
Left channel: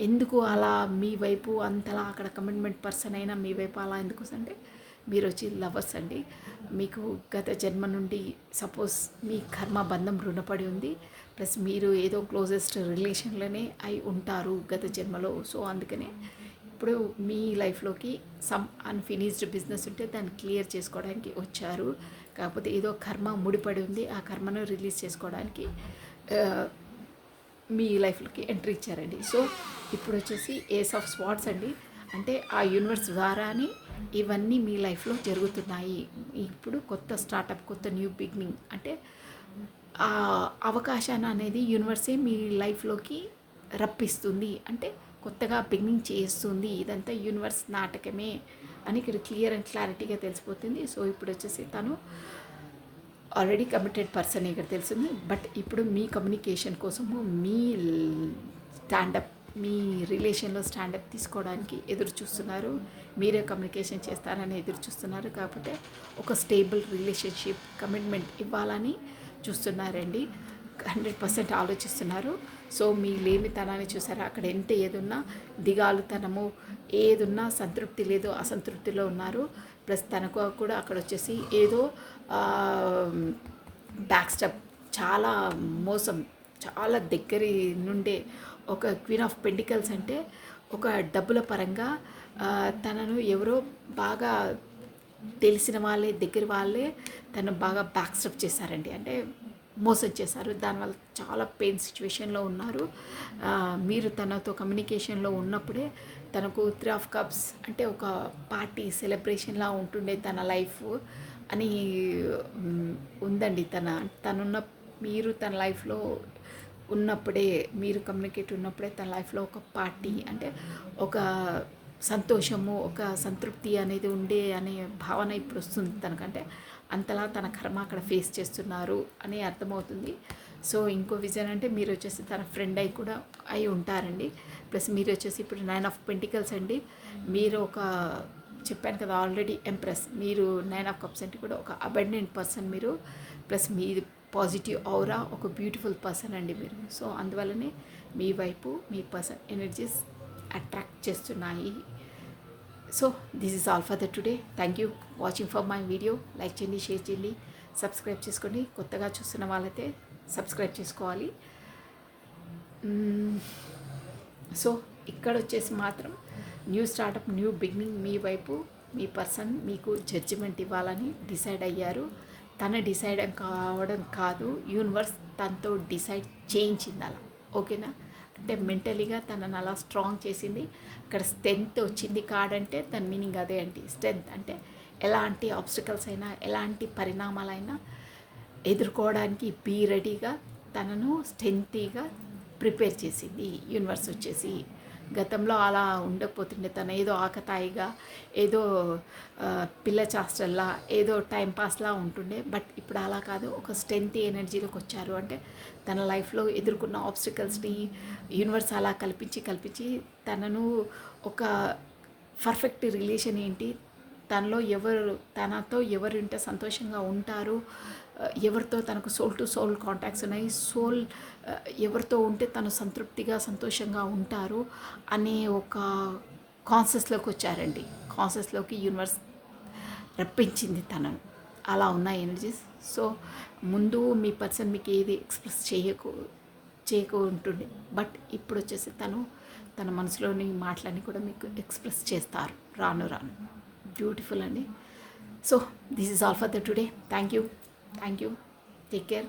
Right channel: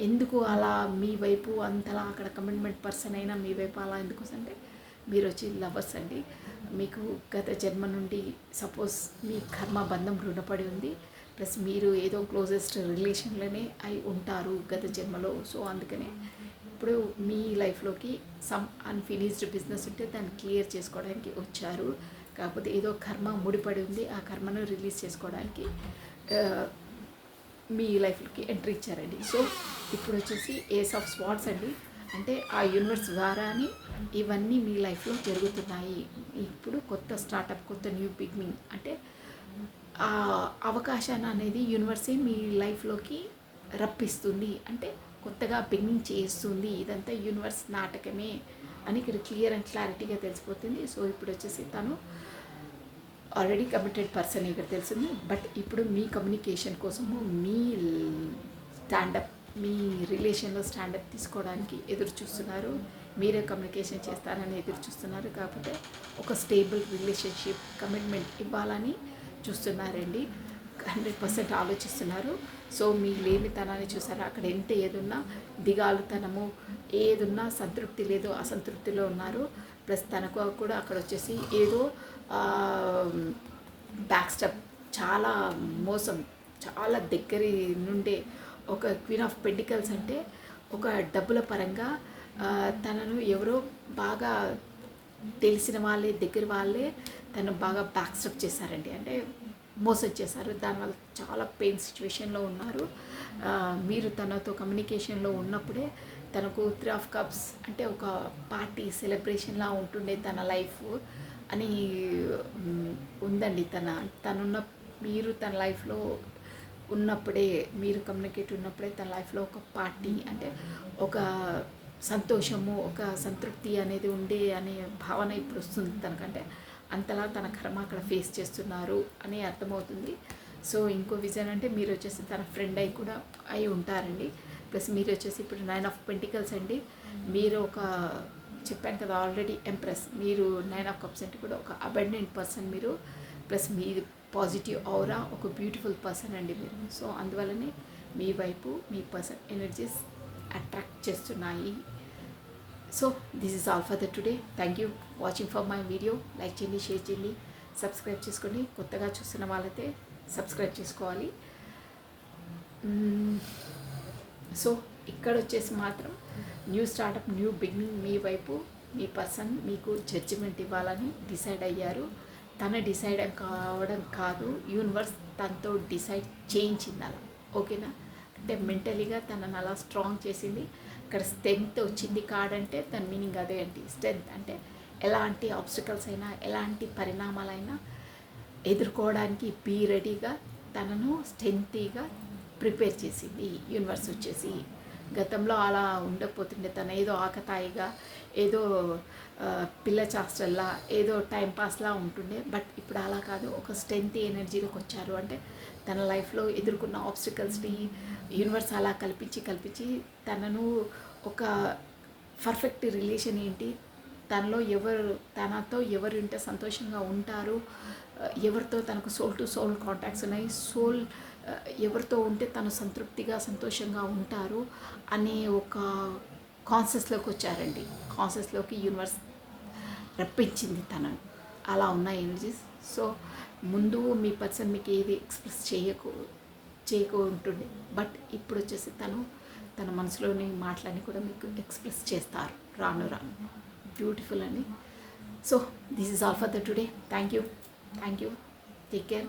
ఎందుకు అలా మీ వైపు అంతలా అక్కడ కమిట్మెంట్ పర్సన్ అయినా మీ వైపు అలా ఎందుకు అంటే మీరు వచ్చి లవర్స్ అండి. మీకు గత జన్మ నుండి సపోజ్ మీ కర్మ బంధం రుణపడి ఉంది, ప్లస్ మీరు ఏదో క్లోజెస్ట్ రిలేషన్లోనే అయి ఉంటారు గత జన్మలో. సో అందుకనే ఇప్పుడు మీ లైఫ్లోకి సమ్ అన్ఫినిష్డ్ బిజినెస్ ఉంటే దాన్ని క్లియర్ చేసుకోవడానికి వచ్చారు. కాకపోతే ఏదో కర్మ ముడిపడి ఉంది, ఆ కర్మను రిలీజ్ చేసుకోవడానికి మీ లైఫ్లోకి ఎంట్రీ ఇచ్చారండి. సో ఇప్పుడు వచ్చేసి ఏస్ ఆఫ్ స్వార్డ్స్ అండి. అంటే ఆ యూనివర్స్ ద్వారానే ఇవన్నీ మీ లైఫ్లో జరుగుతున్నాయి. ఇప్పుడు కొత్త స్టార్టప్, కొత్త న్యూ బిగినింగ్, అంటే ఆ అవకాశాన్ని అనేది యూనివర్సే మీ లైఫ్లోకి రప్పిస్తుంది. అంటే కొత్తగా బిగినింగ్ చేస్తుంది. ఇదంతా యూనివర్స్ నాటకమే అని ఇక్కడ క్లియర్ అండ్ క్లారిటీగా తెలిసిపోతుంది. సో ఇప్పుడు వచ్చేసి తను ఆల్రెడీ కమిటెడ్ పర్సన్ ఇక్కడ తెలిసింది, బట్ ఇప్పుడు మీ కమ్యూనికేషన్ కోసము మీ స్టాండప్, మీ రిలేషన్లో స్టాండప్ తీసుకోవడానికి ఎదురు చూస్తున్నారు. మీరే కమ్యూనికేషన్ చేస్తారని ఎదురు చూస్తున్నారు. కాకపోతే ఒక స్టేబుల్ రిలేషన్షిప్, కమిట్మెంట్ ఇవ్వాలని చూస్తున్నారండి. 100% ఆలోచిస్తున్నారు. సో మీ లేమితనాన్ని చూసారా, అక్కడ ఎంత ఏదున్నా దిగాలుతనము, ఏదున్నా సంతృప్తి లేదు, అసంతృప్తిలో ఉన్నారు. ప్లస్ తనకు కూడా అక్కడ వచ్చేసి ఏదో బ్యాక్ స్టెప్, చాలా మోసం, చాలా దగ్గర నుండే ఒక క్వీన్ ఆఫ్ పెంటికల్స్ అంటే ఒక డబ్బుల పరంగా తనను ఎవరో బాగా తెలిసిన వాళ్ళే, దగ్గర వాళ్ళే తను బాగా బ్యాక్ స్టెప్ చేశారండి. అంటే మోసం చేశారు. దానివల్ల చాలా పెయిన్ సిచ్యువేషన్లో ఉన్నారు. మీరు తనతో కమ్యూనికేషన్లో ఉన్నప్పుడే తనకు 3 ఆఫ్ కప్స్ అంటే ఒక పార్టీ సెలబ్రేషన్లా ఉంటుండే తన లైఫ్ అని ఉందండి. తనున్న మీరు తన లైఫ్లో ఉన్నప్పుడే, మీరు కమ్యూనికేట్ ఉన్నప్పుడే తన లైఫ్లో ఒక పార్టీ అంటే ఒక సంతోషము, ఒక సంతృప్తి అనేది ఉండే అనే భావన ఇప్పుడు వస్తుంది తనకంటే. అంతలా తన కర్మ అక్కడ ఫేస్ చేస్తున్నారు అని అర్థమవుతుంది. సో ఇంకో విజన్ అంటే మీరు వచ్చేసి తన ఫ్రెండ్ అయి కూడా అయి ఉంటారండి. ప్లస్ మీరు వచ్చేసి ఇప్పుడు 9 ఆఫ్ పెంటికల్స్ అండి. మీరు ఒక చెప్పాను కదా ఆల్రెడీ ఎంప్రెస్, మీరు 9 ఆఫ్ కప్స్ అంటే కూడా ఒక అబండెంట్ పర్సన్ మీరు. ప్లస్ మీరు పాజిటివ్ ఔరా, ఒక బ్యూటిఫుల్ పర్సన్ అండి మీరు. సో అందువల్లనే మీ వైపు మీ పర్సన్ ఎనర్జీస్ అట్రాక్ట్ చేస్తున్నాయి. So this is all for the today. Thank you watching for my video. Like చేయండి, షేర్ చేయండి, సబ్స్క్రైబ్ చేసుకోండి. కొత్తగా చూస్తున్న వాళ్ళైతే సబ్స్క్రైబ్ చేసుకోవాలి. సో ఇక్కడ వచ్చేసి మాత్రం న్యూ స్టార్టప్, న్యూ బిగినింగ్ మీ వైపు మీ పర్సన్ మీకు జడ్జిమెంట్ ఇవ్వాలని డిసైడ్ అయ్యారు. తన డిసైడ్ కావడం కాదు, యూనివర్స్ తనతో డిసైడ్ చేయించింది అలా. ఓకేనా? అంటే మెంటలీగా తనని అలా స్ట్రాంగ్ చేసింది. ఇక్కడ స్ట్రెంగ్త్ వచ్చింది కాడంటే దాని మీనింగ్ అదే అండి. స్ట్రెంగ్త్ అంటే ఎలాంటి ఆబ్స్టికల్స్ అయినా, ఎలాంటి పరిణామాలైనా ఎదుర్కోవడానికి బీ రెడీగా తనను స్ట్రెంగ్తీగా ప్రిపేర్ చేసింది యూనివర్స్ వచ్చేసి. గతంలో అలా ఉండకపోతుండే, తను ఏదో ఆకతాయిగా, ఏదో పిల్ల చాస్టల్లా, ఏదో టైంపాస్లా ఉంటుండే. బట్ ఇప్పుడు అలా కాదు, ఒక స్ట్రెంగ్త్ ఎనర్జీలోకి వచ్చారు. అంటే తన లైఫ్లో ఎదుర్కొన్న ఆబ్స్టికల్స్ని యూనివర్స్ అలా కల్పించి తనను ఒక పర్ఫెక్ట్ రిలేషన్ ఏంటి, తనతో ఎవరు ఉంటే సంతోషంగా ఉంటారు, ఎవరితో తనకు సోల్ టు సోల్ కాంటాక్ట్స్ ఉన్నాయి, ఎవరితో ఉంటే తను సంతృప్తిగా సంతోషంగా ఉంటారు అనే ఒక కాన్షియస్లోకి వచ్చారండి. కాన్షియస్లోకి యూనివర్స్ రప్పించింది తనను. అలా ఉన్నాయి ఎనర్జీస్. సో ముందు మీ పర్సన్ మీకు ఏది ఎక్స్ప్రెస్ చేయకు ఉంటుండే, బట్ ఇప్పుడు వచ్చేసి తన మనసులోని మాటలన్నీ కూడా మీకు ఎక్స్ప్రెస్ చేస్తారు రాను బ్యూటిఫుల్ అండి. So this is all for the today. Thank you, take care.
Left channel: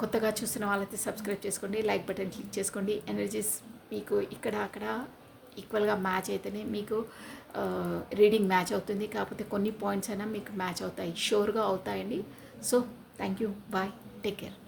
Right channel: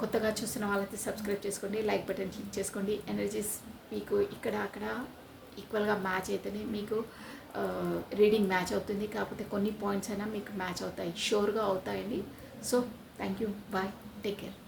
కొత్తగా చూసిన వాళ్ళైతే సబ్స్క్రైబ్ చేసుకోండి, లైక్ బటన్ క్లిక్ చేసుకోండి. ఎనర్జీస్ మీకు ఇక్కడ అక్కడ ఈక్వల్గా మ్యాచ్ అయితేనే మీకు రీడింగ్ మ్యాచ్ అవుతుంది. కాకపోతే కొన్ని పాయింట్స్ అయినా మీకు మ్యాచ్ అవుతాయి, షూర్గా అవుతాయండి. So thank you, bye, take care.